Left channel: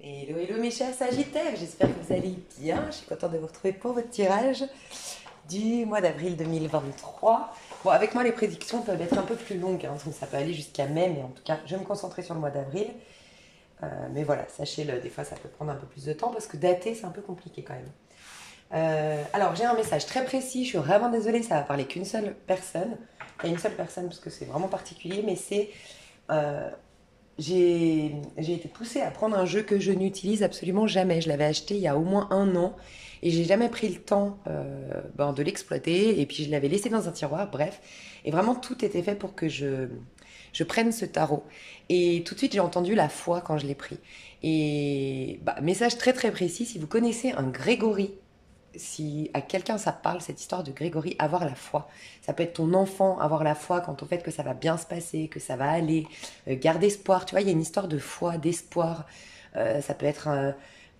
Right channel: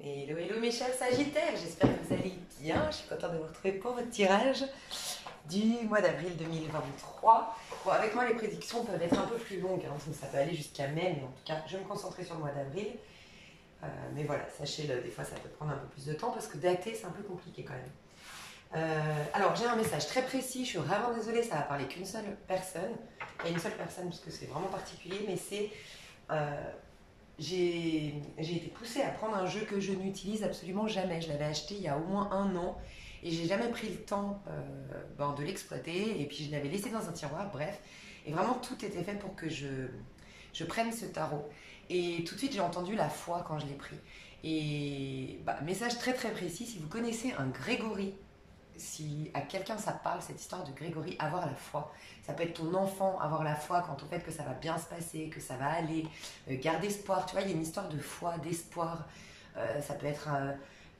Hello, hello mes chers Sagittaires, j'espère que vous allez bien. Je suis contente de vous retrouver pour votre tirage du mois d'avril 2023. Bon, avec moi les prédictions peuvent être un peu plus longues, hein, donc ça peut aller jusqu'à mai, mais en tout cas je vais me concentrer sur le mois d'avril. Mais voilà, sachez-le, des fois ça peut prendre un peu plus de temps parce que dater c'est un peu compliqué quand même. Alors j'ai un message très précis, je suis vraiment désolée, ça va parler qu'une seule personne. Il y a une seule personne parce que c'est vraiment particulier, mais c'est... euh, j'ai été poussée à prendre un jeu que je n'utilise absolument jamais. Je l'avais acheté il y a au moins un an et j'ai jamais pris le temps de l'exploiter. Et puis je l'avais laissé dans un tiroir, bref. Et vraiment tout était fait pour que je prenne ce tarot. Et tout de suite j'ai entendu la foi quand je l'ai pris. Et message très très précis, si vous connaissez un Grégory, si à quelqu'un ça parle, cette histoire de Grégory, avoir la foi. Ça peut être ton enfant, avoir la foi quant au fait que ça va bien se passer, que ça va aller, garder espoir. Tu vois, il y a une histoire de foi, d'espoir. Ça peut être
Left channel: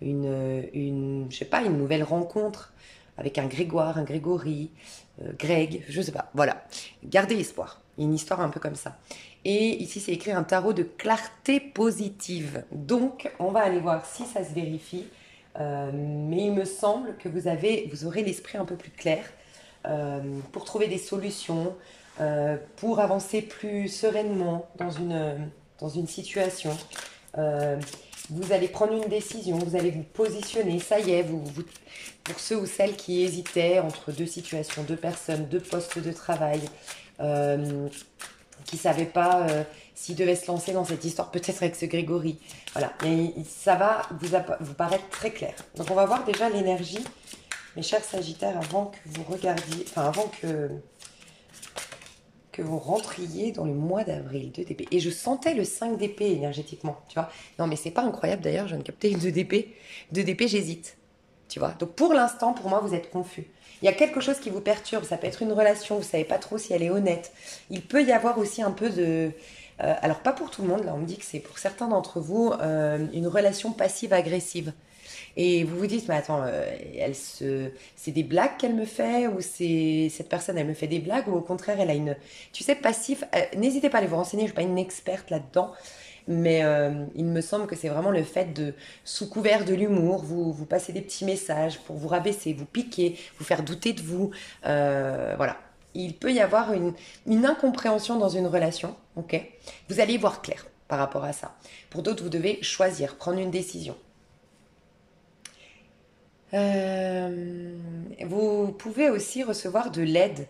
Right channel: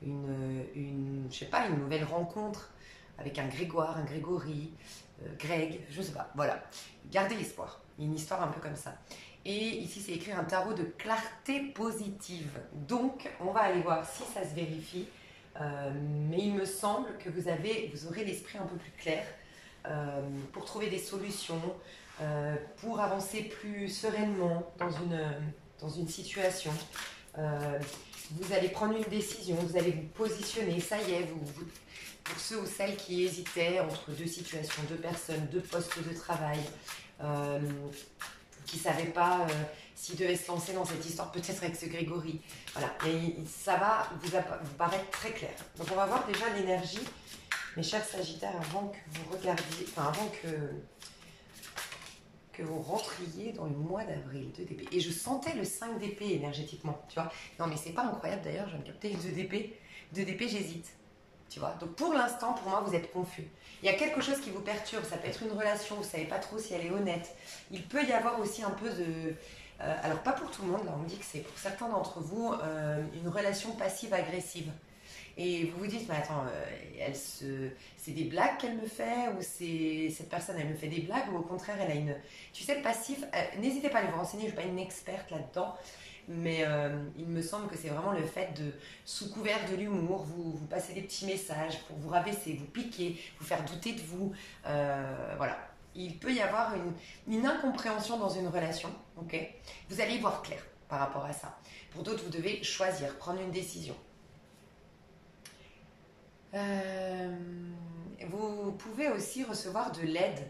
je sais pas, une nouvelle rencontre avec un Grégoire, un Grégory, Greg, je sais pas. Voilà, garder espoir. Une histoire un peu comme ça. Et ici, c'est écrit un tarot de clarté positive. Donc, on va aller voir si ça se vérifie. Mais il me semble que vous aurez l'esprit un peu plus clair pour trouver des solutions, pour avancer plus sereinement dans une situation. Euh, vous allez prendre une décision, vous allez vous positionner, ça y est, pour ceux ou celles qui hésitaient entre deux situations, deux personnes, deux postes de travail, euh, qui ne savaient pas s'ils devaient se lancer dans cette histoire, peut-être avec ce Grégory. Voilà, et ça va vous paraître très clair. Donc on va voir déjà l'énergie, mes chers Sagittaires, avant que vous regardiez, enfin avant que vous rentriez dans le mois d'avril, 2 d'épée. Et je sentais le 5 d'épée énergétiquement, tu vois. Non mais c'est pas incroyable d'ailleurs, je viens de capter 2 d'épée. 2 d'épée, j'hésite, tu vois. Donc pour l'instant, pour moi, vous êtes confus. Il y a quelque chose qui vous perturbe, ça peut être une relation, vous savez pas trop si elle est honnête. Il peut y avoir aussi un peu de... alors pas pour tout le monde, là on me dit que c'est pour certains d'entre vous une relation passive-agressive. Et vous vous dites, mais attends, c'est des blagues qu'elle me fait ou c'est cette personne, elle me fait des blagues ou au contraire, elle a une... Tu sais, passif, n'hésitez pas à aller vous renseigner, je ne suis pas une experte là-dedans, mais il me semble que c'est vraiment le fait de, sous couvert de l'humour, vous passez des petits messages pour vous rabaisser, vous piquer, vous faire douter de vous. Voilà. Il peut y avoir une incompréhension dans une relation, ok. Vous allez y voir clair par rapport à ça. Pour d'autres, vous devez choisir, prendre une décision. Vous pouvez aussi recevoir de l'aide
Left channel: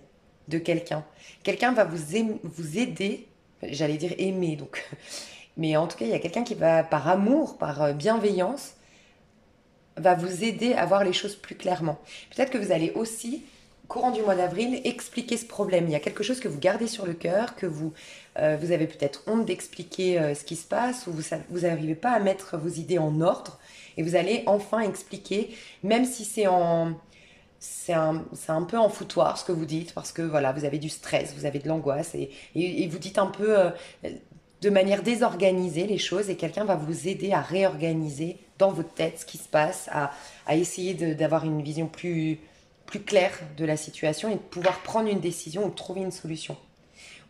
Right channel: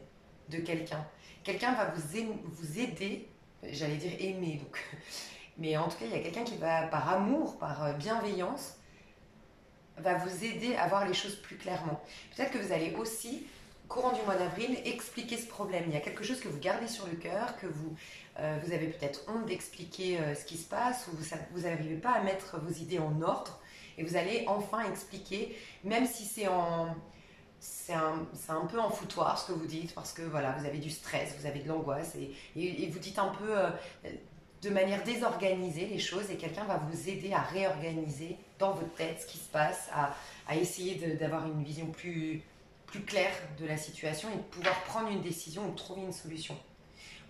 de quelqu'un. Quelqu'un va vous aider, j'allais dire aimer, donc. Mais en tout cas, il y a quelqu'un qui va, par amour, par bienveillance, va vous aider à voir les choses plus clairement. Peut-être que vous allez aussi, courant du mois d'avril, expliquer ce problème. Il y a quelque chose que vous gardez sur le cœur, que vous avez peut-être honte d'expliquer ce qui se passe, ou vous n'arrivez pas à mettre vos idées en ordre, et vous allez enfin expliquer, même si c'est un peu en foutoir ce que vous dites, parce que voilà, vous avez du stress, vous avez de l'angoisse, et vous dites un peu de manière désorganisée les choses, et quelqu'un va vous aider à réorganiser dans votre tête ce qui se passe, à essayer d'avoir une vision plus claire de la situation et de pouvoir prendre une décision ou de trouver une solution.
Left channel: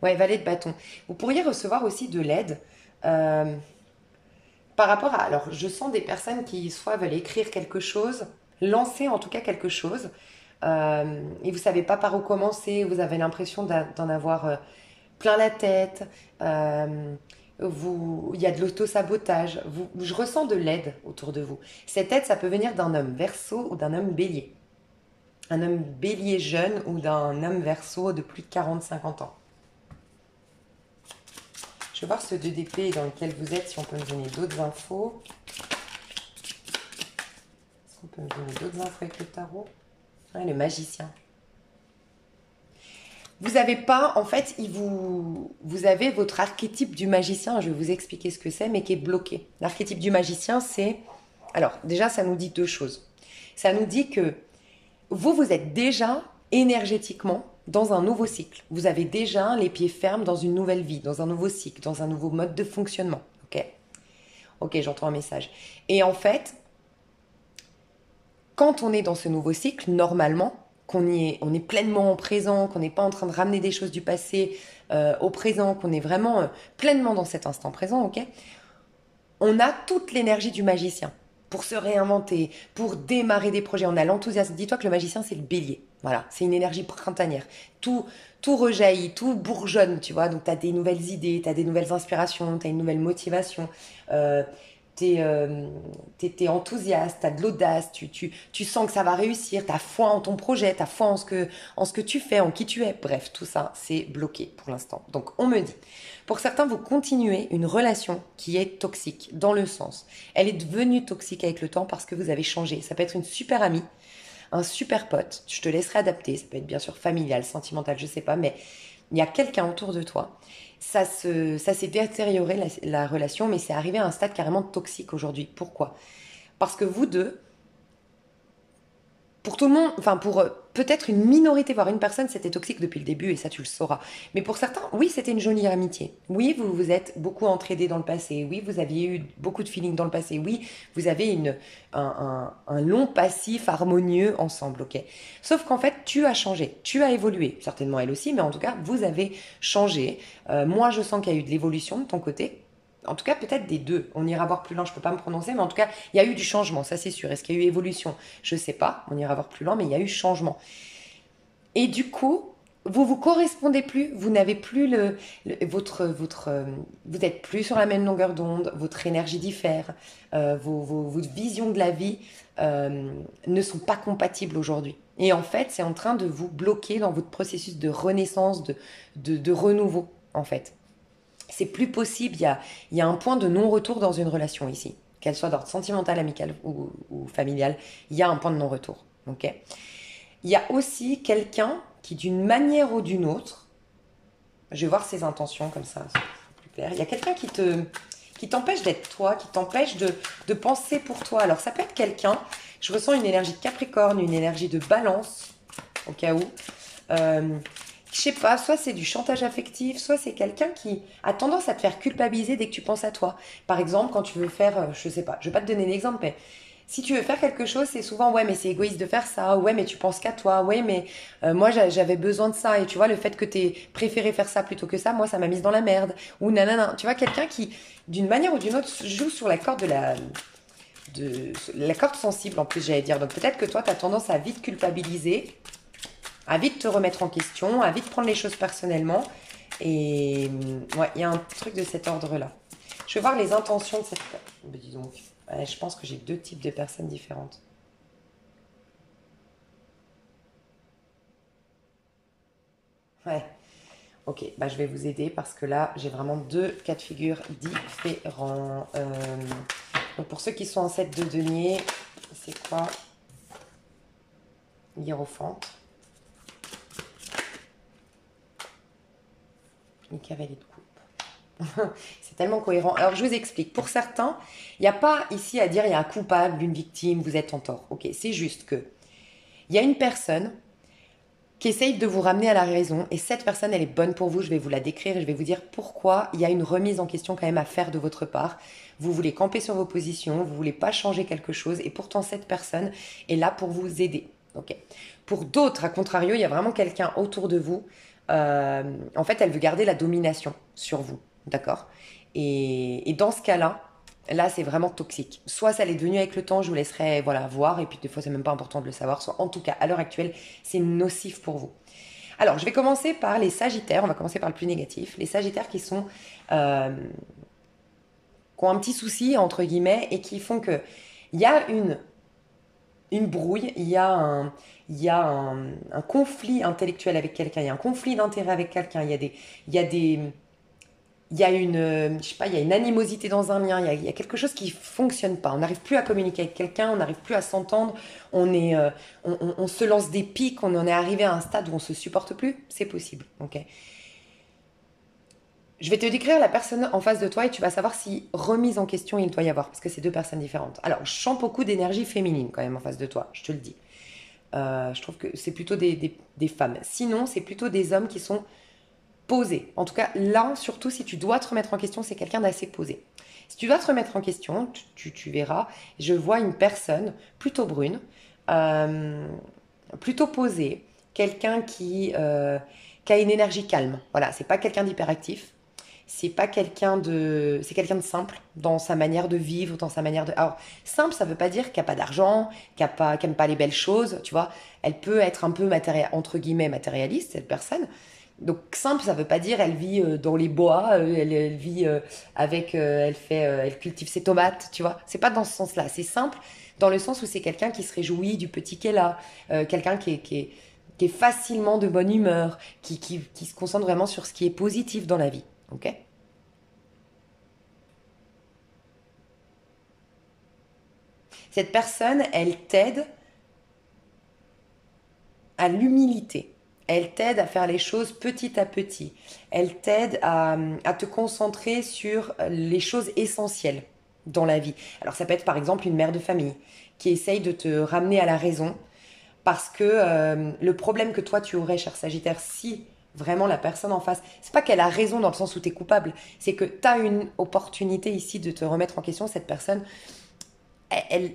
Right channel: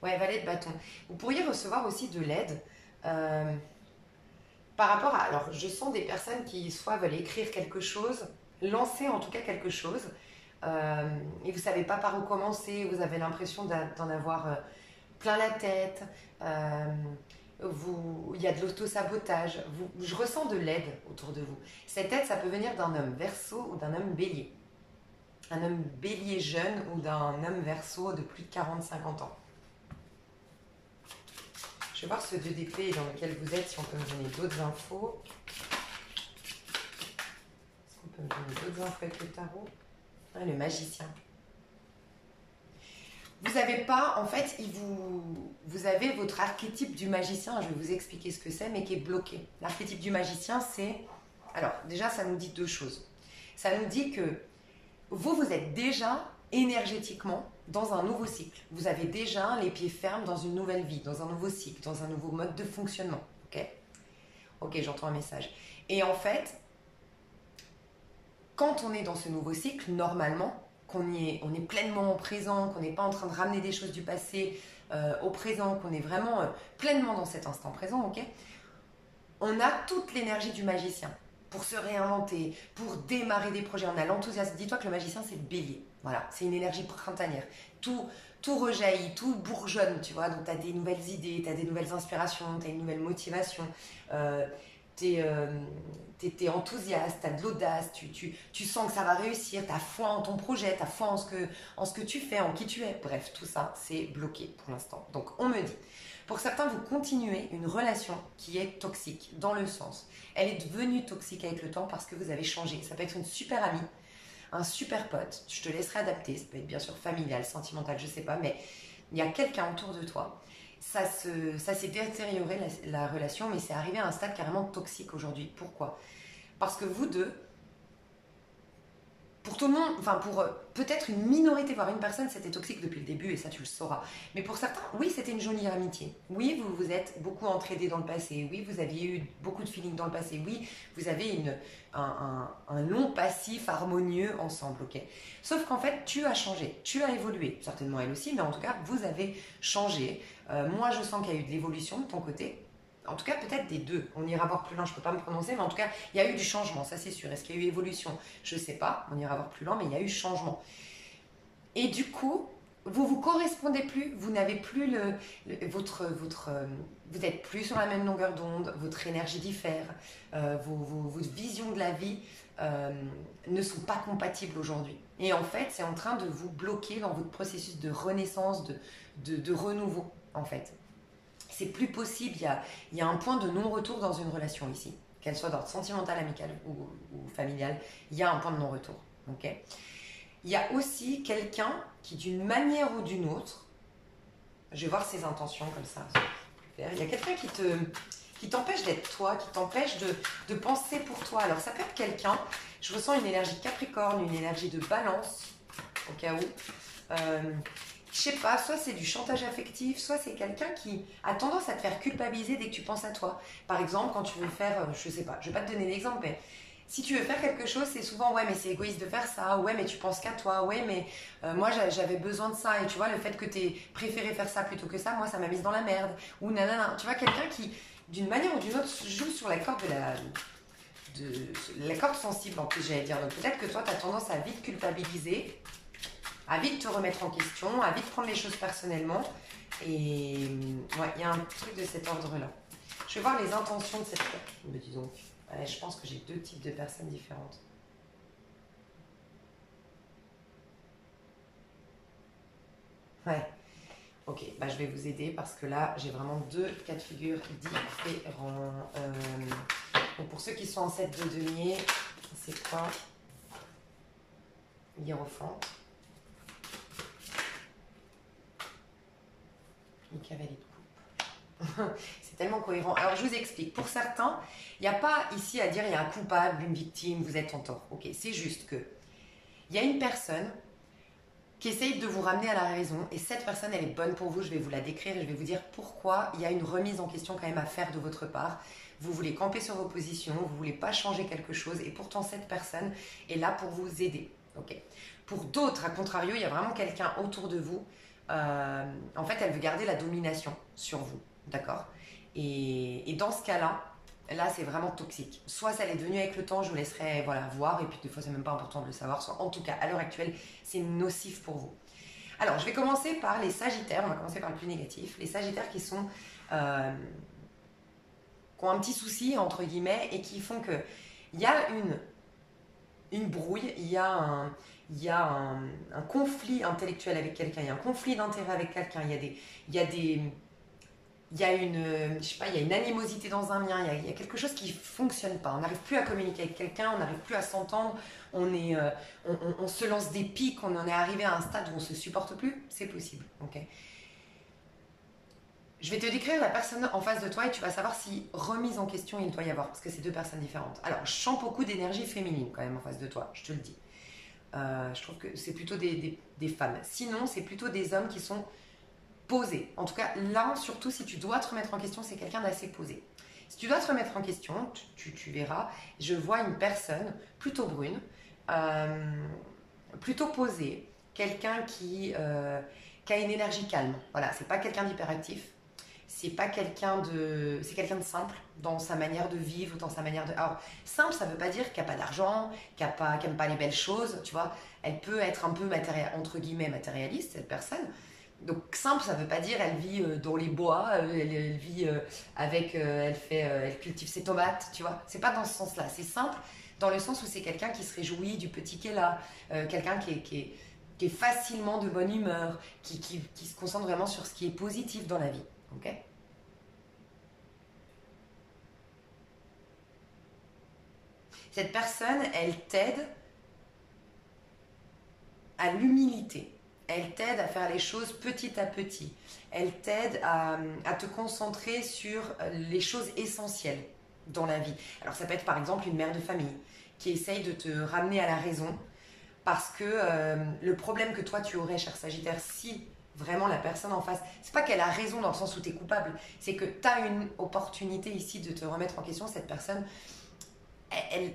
Ouais, valet de bâton. Vous pourriez recevoir aussi de l'aide euh, par rapport à... Alors, je sens des personnes qui soit veulent écrire quelque chose, lancer en tout cas quelque chose, et vous savez pas par où commencer, vous avez l'impression d'en avoir plein la tête, il y a de l'auto-sabotage, je ressens de l'aide autour de vous. Cette aide, ça peut venir d'un homme verso ou d'un homme bélier. Un homme bélier jeune ou d'un homme verso de plus de 40-50 ans. Je vais voir ce 2 d'épée dans lequel vous êtes, si on peut me donner d'autres infos. Si on peut me donner d'autres infos avec le tarot. Ouais, le magicien. Vous n'avez pas, en fait, vous avez votre archétype du magicien, je vais vous expliquer ce que c'est, mais qui est bloqué. L'archétype du magicien, c'est... Alors, déjà, ça nous dit deux choses. Ça nous dit que vous êtes déjà énergétiquement dans un nouveau cycle. Vous avez déjà les pieds fermes dans une nouvelle vie, dans un nouveau cycle, dans un nouveau mode de fonctionnement. Ok. Ok, j'entends un message. Et en fait, quand on est dans ce nouveau cycle, normalement, on est pleinement en présent, qu'on n'est pas en train de ramener des choses du passé au présent, qu'on est vraiment pleinement dans cet instant présent, ok. On a toute l'énergie du magicien pour se réinventer, pour démarrer des projets. On a l'enthousiasme. Dis-toi que le magicien, c'est le bélier. Voilà, c'est une énergie printanière. Tout, tout rejaillit, tout bourgeonne, tu vois. Donc, tu as des nouvelles idées, tu as des nouvelles inspirations, tu as une nouvelle motivation. Euh, t'es enthousiaste, tu as de l'audace, tu sens que ça va réussir, tu as foi en ton projet, tu as foi en ce que tu fais, en qui tu es. Bref, tout ça, c'est bloqué pour l'instant. Donc, on me dit, pour certains, vous continuez une relation qui est toxique, dans le sens, elle est devenue toxique avec le temps parce que vous avez changé. Ça peut être une super amie, un super pote, je te laisserai adapter, ça peut être bien sûr familial, sentimental, je sais pas, mais il y a quelqu'un autour de toi. Ça s'est détérioré la relation, mais c'est arrivé à un stade carrément toxique aujourd'hui. Pourquoi? Parce que vous deux, pour tout le monde, enfin pour peut-être une minorité, voire une personne, c'était toxique depuis le début et ça tu le sauras. Mais pour certains, oui, c'était une jolie amitié. Oui, vous vous êtes beaucoup entraidés dans le passé. Oui, vous aviez eu beaucoup de feeling dans le passé. Oui, vous avez un long passif harmonieux ensemble, ok. Sauf qu'en fait, tu as changé, tu as évolué. Certainement elle aussi, mais en tout cas, vous avez changé. Moi, je sens qu'il y a eu de l'évolution de ton côté. En tout cas, peut-être des deux. On ira voir plus loin, je ne peux pas me prononcer, mais en tout cas, il y a eu du changement, ça c'est sûr. Est-ce qu'il y a eu évolution? Je ne sais pas, on ira voir plus loin, mais il y a eu changement. Et du coup, vous correspondez plus, vous n'avez plus vous n'êtes plus sur la même longueur d'onde, votre énergie diffère, votre vision de la vie ne sont pas compatibles aujourd'hui. Et en fait, c'est en train de vous bloquer dans votre processus de renaissance, de renouveau, en fait. C'est plus possible, il y a un point de non-retour dans une relation ici, qu'elle soit d'ordre sentimental, amical ou familial, il y a un point de non-retour. Ok. Il y a aussi quelqu'un qui, d'une manière ou d'une autre, je vais voir ses intentions comme ça, c'est plus clair. Il y a quelqu'un qui t'empêche d'être toi, qui t'empêche de penser pour toi. Alors ça peut être quelqu'un, je ressens une énergie de Capricorne, une énergie de Balance, au cas où. Je sais pas, soit c'est du chantage affectif, soit c'est quelqu'un qui a tendance à te faire culpabiliser dès que tu penses à toi. Par exemple, quand tu veux faire, je sais pas, je vais pas te donner l'exemple, mais si tu veux faire quelque chose, c'est souvent ouais, mais c'est égoïste de faire ça, ouais, mais tu penses qu'à toi, ouais, mais moi j'avais besoin de ça, et tu vois, le fait que tu aies préféré faire ça plutôt que ça, moi ça m'a mise dans la merde, ou nanana. Tu vois, quelqu'un qui, d'une manière ou d'une autre, joue sur la corde de la corde sensible en plus, j'allais dire. Donc peut-être que toi, tu as tendance à vite culpabiliser, à vite te remettre en question, à vite prendre les choses personnellement. Et ouais, il y a un truc de cet ordre-là. Je vais voir les intentions de cette... Mais dis donc, ouais, je pense que j'ai deux types de personnes différentes. Ouais, ok, bah, je vais vous aider parce que là, j'ai vraiment deux cas de figure différents. Donc pour ceux qui sont en 7 de denier, c'est quoi? Hiérophante. Une cavalier de coupe. C'est tellement cohérent. Alors, je vous explique. Pour certains, il n'y a pas ici à dire il y a un coupable, une victime, vous êtes en tort. Ok, c'est juste que il y a une personne qui essaye de vous ramener à la raison et cette personne, elle est bonne pour vous. Je vais vous la décrire et je vais vous dire pourquoi il y a une remise en question quand même à faire de votre part. Vous voulez camper sur vos positions, vous voulez pas changer quelque chose et pourtant cette personne est là pour vous aider. Ok. Pour d'autres, à contrario, il y a vraiment quelqu'un autour de vous. En fait, elle veut garder la domination sur vous, d'accord? Et dans ce cas-là, là, c'est vraiment toxique. Soit ça l'est devenu avec le temps, je vous laisserai voilà, voir, et puis des fois, c'est même pas important de le savoir. Soit en tout cas, à l'heure actuelle, c'est nocif pour vous. Alors, je vais commencer par les Sagittaires. On va commencer par le plus négatif. Les Sagittaires qui ont un petit souci, entre guillemets, et qui font que il y a une brouille, il y a un conflit intellectuel avec quelqu'un, il y a un conflit d'intérêt avec quelqu'un, il y a des, il y a une, je sais pas, il y a une animosité dans un lien, il y a quelque chose qui fonctionne pas. On n'arrive plus à communiquer avec quelqu'un, on n'arrive plus à s'entendre, on se lance des pics, on en est arrivé à un stade où on se supporte plus. C'est possible, ok. Je vais te décrire la personne en face de toi et tu vas savoir si remise en question il doit y avoir, parce que c'est deux personnes différentes. Alors, je sens beaucoup d'énergie féminine quand même en face de toi, je te le dis. Je trouve que c'est plutôt des femmes. Sinon, c'est plutôt des hommes qui sont posés. En tout cas, là, surtout si tu dois te remettre en question, c'est quelqu'un d'assez posé. Si tu dois te remettre en question, tu verras, je vois une personne plutôt brune, euh, plutôt posée, quelqu'un qui a une énergie calme. Voilà, c'est pas quelqu'un d'hyperactif. c'est pas quelqu'un de... C'est quelqu'un de simple dans sa manière de vivre, dans sa manière de... Alors, simple, ça veut pas dire qu'il n'y a pas d'argent, qu'elle aime pas les belles choses, tu vois. Elle peut être un peu, entre guillemets, matérialiste, cette personne. Donc, simple, ça veut pas dire elle vit dans les bois, elle vit avec... elle cultive ses tomates, tu vois. C'est pas dans ce sens-là. C'est simple dans le sens où c'est quelqu'un qui se réjouit du petit qu'elle a, quelqu'un qui est facilement de bonne humeur, qui se concentre vraiment sur ce qui est positif dans la vie. Ok. Cette personne, elle t'aide à l'humilité. Elle t'aide à faire les choses petit à petit. Elle t'aide à te concentrer sur les choses essentielles dans la vie. Alors ça peut être par exemple une mère de famille qui essaye de te ramener à la raison parce que le problème que toi tu aurais, cher Sagittaire, si vraiment la personne en face, c'est pas qu'elle a raison dans le sens où tu es coupable, c'est que tu as une opportunité ici de te remettre en question. Cette personne,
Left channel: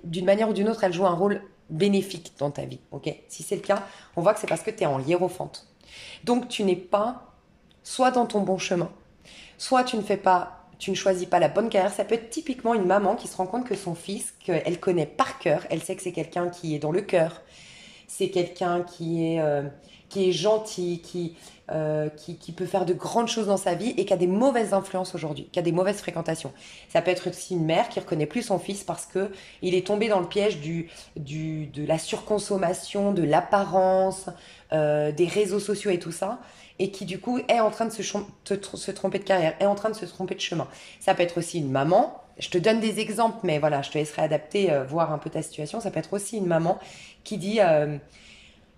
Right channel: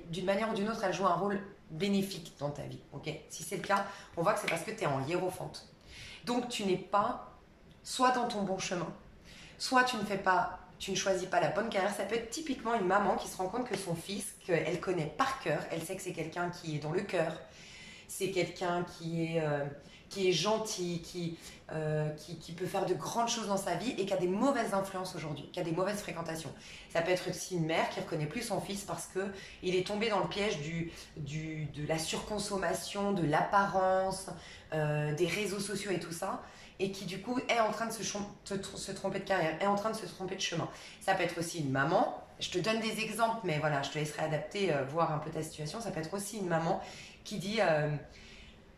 d'une manière ou d'une autre, elle joue un rôle bénéfique dans ta vie. Ok. Si c'est le cas, on voit que c'est parce que tu es en hiérophante. Donc tu n'es pas soit dans ton bon chemin, soit tu ne choisis pas la bonne carrière. Ça peut être typiquement une maman qui se rend compte que son fils, qu'elle connaît par cœur, elle sait que c'est quelqu'un qui est dans le cœur, c'est quelqu'un qui est gentil, qui peut faire de grandes choses dans sa vie et qui a des mauvaises influences aujourd'hui, qui a des mauvaises fréquentations. Ça peut être aussi une mère qui ne reconnaît plus son fils parce qu'il est tombé dans le piège de la surconsommation, de l'apparence, des réseaux sociaux et tout ça, et qui du coup est en train de se tromper de carrière, est en train de se tromper de chemin. Ça peut être aussi une maman. Je te donne des exemples, mais voilà, je te laisserai adapter, voir un peu ta situation. Ça peut être aussi une maman qui dit,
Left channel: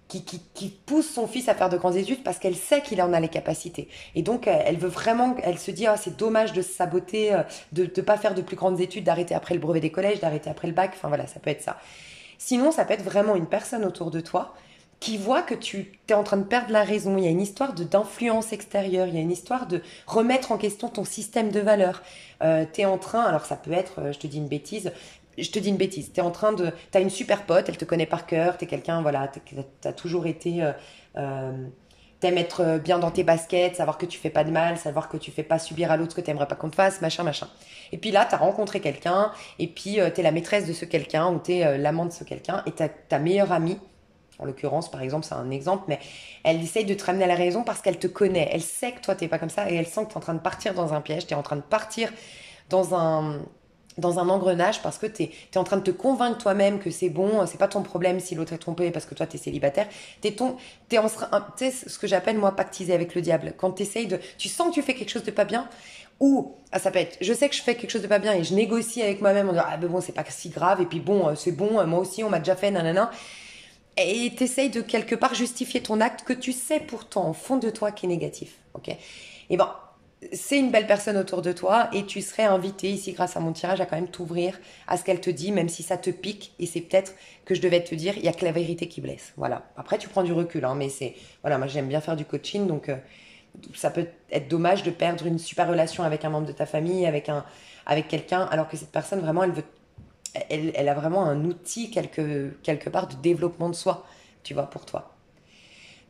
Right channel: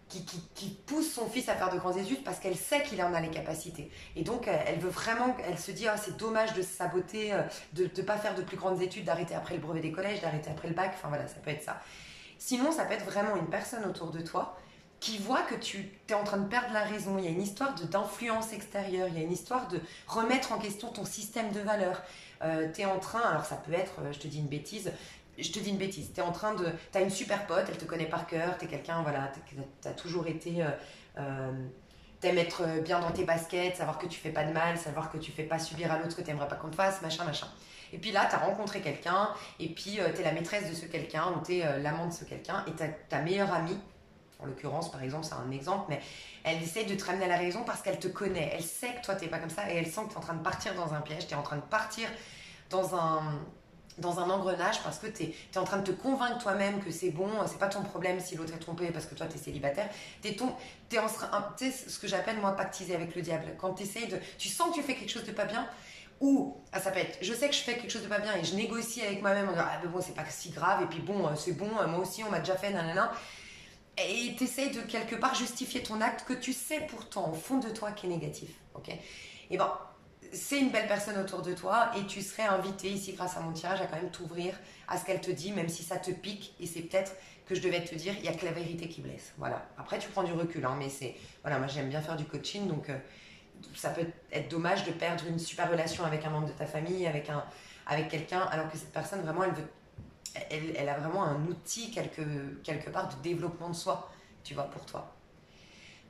qui pousse son fils à faire de grandes études parce qu'elle sait qu'il en a les capacités. Et donc, elle veut vraiment, elle se dit, ah, c'est dommage de se saboter, de ne pas faire de plus grandes études, d'arrêter après le brevet des collèges, d'arrêter après le bac. Enfin voilà, ça peut être ça. Sinon, ça peut être vraiment une personne autour de toi qui voit que tu es en train de perdre la raison. Il y a une histoire d'influence extérieure, il y a une histoire de remettre en question ton système de valeurs. Tu es en train, alors ça peut être, je te dis une bêtise, t'as une super pote, elle te connaît par cœur, t'es quelqu'un, voilà, t'as toujours été, t'aimes être bien dans tes baskets, savoir que tu fais pas de mal, savoir que tu fais pas subir à l'autre ce que t'aimerais pas qu'on te fasse, machin, machin. Et puis là, t'as rencontré quelqu'un, et puis t'es la maîtresse de ce quelqu'un, ou t'es l'amant de ce quelqu'un, et ta meilleure amie, en l'occurrence, par exemple, c'est un exemple, mais elle essaye de te ramener à la raison parce qu'elle te connaît, elle sait que toi t'es pas comme ça, et elle sent que t'es en train de partir dans un piège, t'es en train de partir dans un engrenage parce que tu es en train de te convaincre toi-même que c'est bon, c'est pas ton problème si l'autre est trompé parce que toi tu es célibataire. Tu sais ce que j'appelle moi pactiser avec le diable. Quand tu sens que tu fais quelque chose de pas bien, ou ça peut être, je sais que je fais quelque chose de pas bien et je négocie avec moi-même en disant ah ben bon c'est pas si grave et puis bon c'est bon, moi aussi on m'a déjà fait nanana. Et t'essayes de quelque part justifier ton acte que tu sais pourtant au fond de toi qui est négatif. Ok. Et ben c'est une belle personne autour de toi et tu serais invité ici grâce à mon tirage à quand même t'ouvrir à ce qu'elle te dit, même si ça te pique. Et c'est peut-être que je devais te dire, il n'y a que la vérité qui blesse. Voilà. Après, tu prends du recul, hein, mais voilà, moi j'aime bien faire du coaching, donc ça peut être dommage de perdre une super relation avec un membre de ta famille, avec quelqu'un, alors que cette personne vraiment, elle a vraiment un outil quelque part de développement de soi, tu vois, pour toi.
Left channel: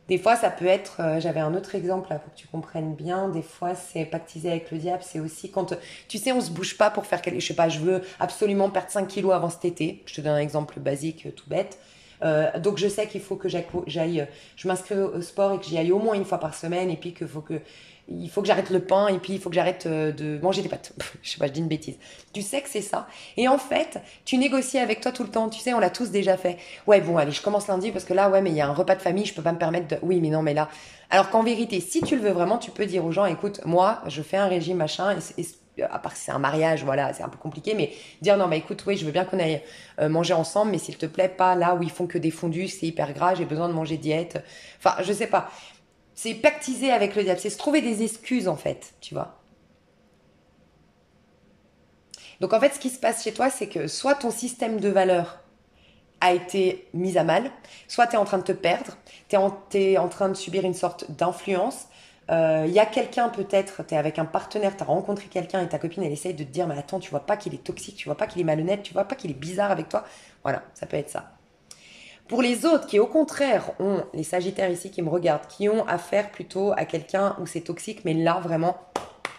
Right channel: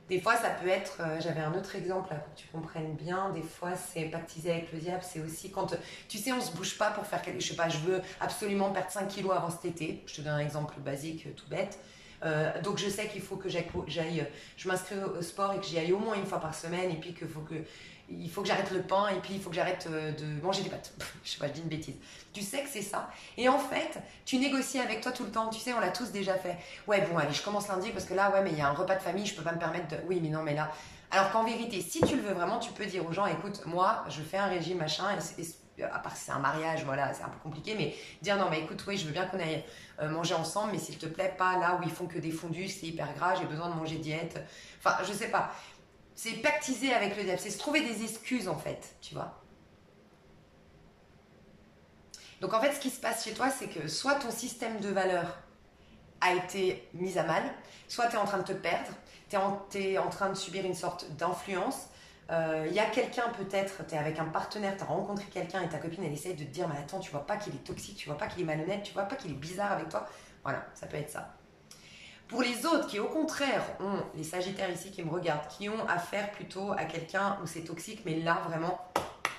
Des fois, ça peut être, j'avais un autre exemple là, pour que tu comprennes bien. Des fois, c'est pactiser avec le diable. C'est aussi quand, tu sais, on se bouge pas pour faire quelque chose. Je sais pas, je veux absolument perdre 5 kilos avant cet été. Je te donne un exemple basique, tout bête. Donc, je sais qu'il faut que je m'inscris au sport et que j'y aille au moins une fois par semaine. Et puis il faut que j'arrête le pain et puis il faut que j'arrête de manger des pâtes. Je sais pas, je dis une bêtise. Tu sais que c'est ça. Et en fait, tu négocies avec toi tout le temps. Tu sais, on l'a tous déjà fait. Ouais, bon, allez, je commence lundi parce que là, ouais, mais il y a un repas de famille, je peux pas me permettre de. Oui, mais non, mais là. Alors qu'en vérité, si tu le veux vraiment, tu peux dire aux gens, écoute, moi, je fais un régime, machin, à part si c'est un mariage, voilà, c'est un peu compliqué, mais dire non, mais écoute, oui, je veux bien qu'on aille manger ensemble, mais s'il te plaît, pas là où ils font que des fondus, c'est hyper gras, j'ai besoin de manger diète. Enfin, je sais pas. C'est pactiser avec le diable, c'est se trouver des excuses en fait, tu vois. Donc en fait, ce qui se passe chez toi, c'est que soit ton système de valeurs a été mis à mal, soit tu es en train de te perdre, tu es en train de subir une sorte d'influence. Il y a quelqu'un peut-être, tu es avec un partenaire, tu as rencontré quelqu'un et ta copine elle essaye de te dire mais attends, tu vois pas qu'il est toxique, tu vois pas qu'il est malhonnête, tu vois pas qu'il est bizarre avec toi. Voilà, ça peut être ça. Pour les autres qui au contraire ont, les sagittaires ici qui me regardent, qui ont affaire plutôt à quelqu'un où c'est toxique, mais là vraiment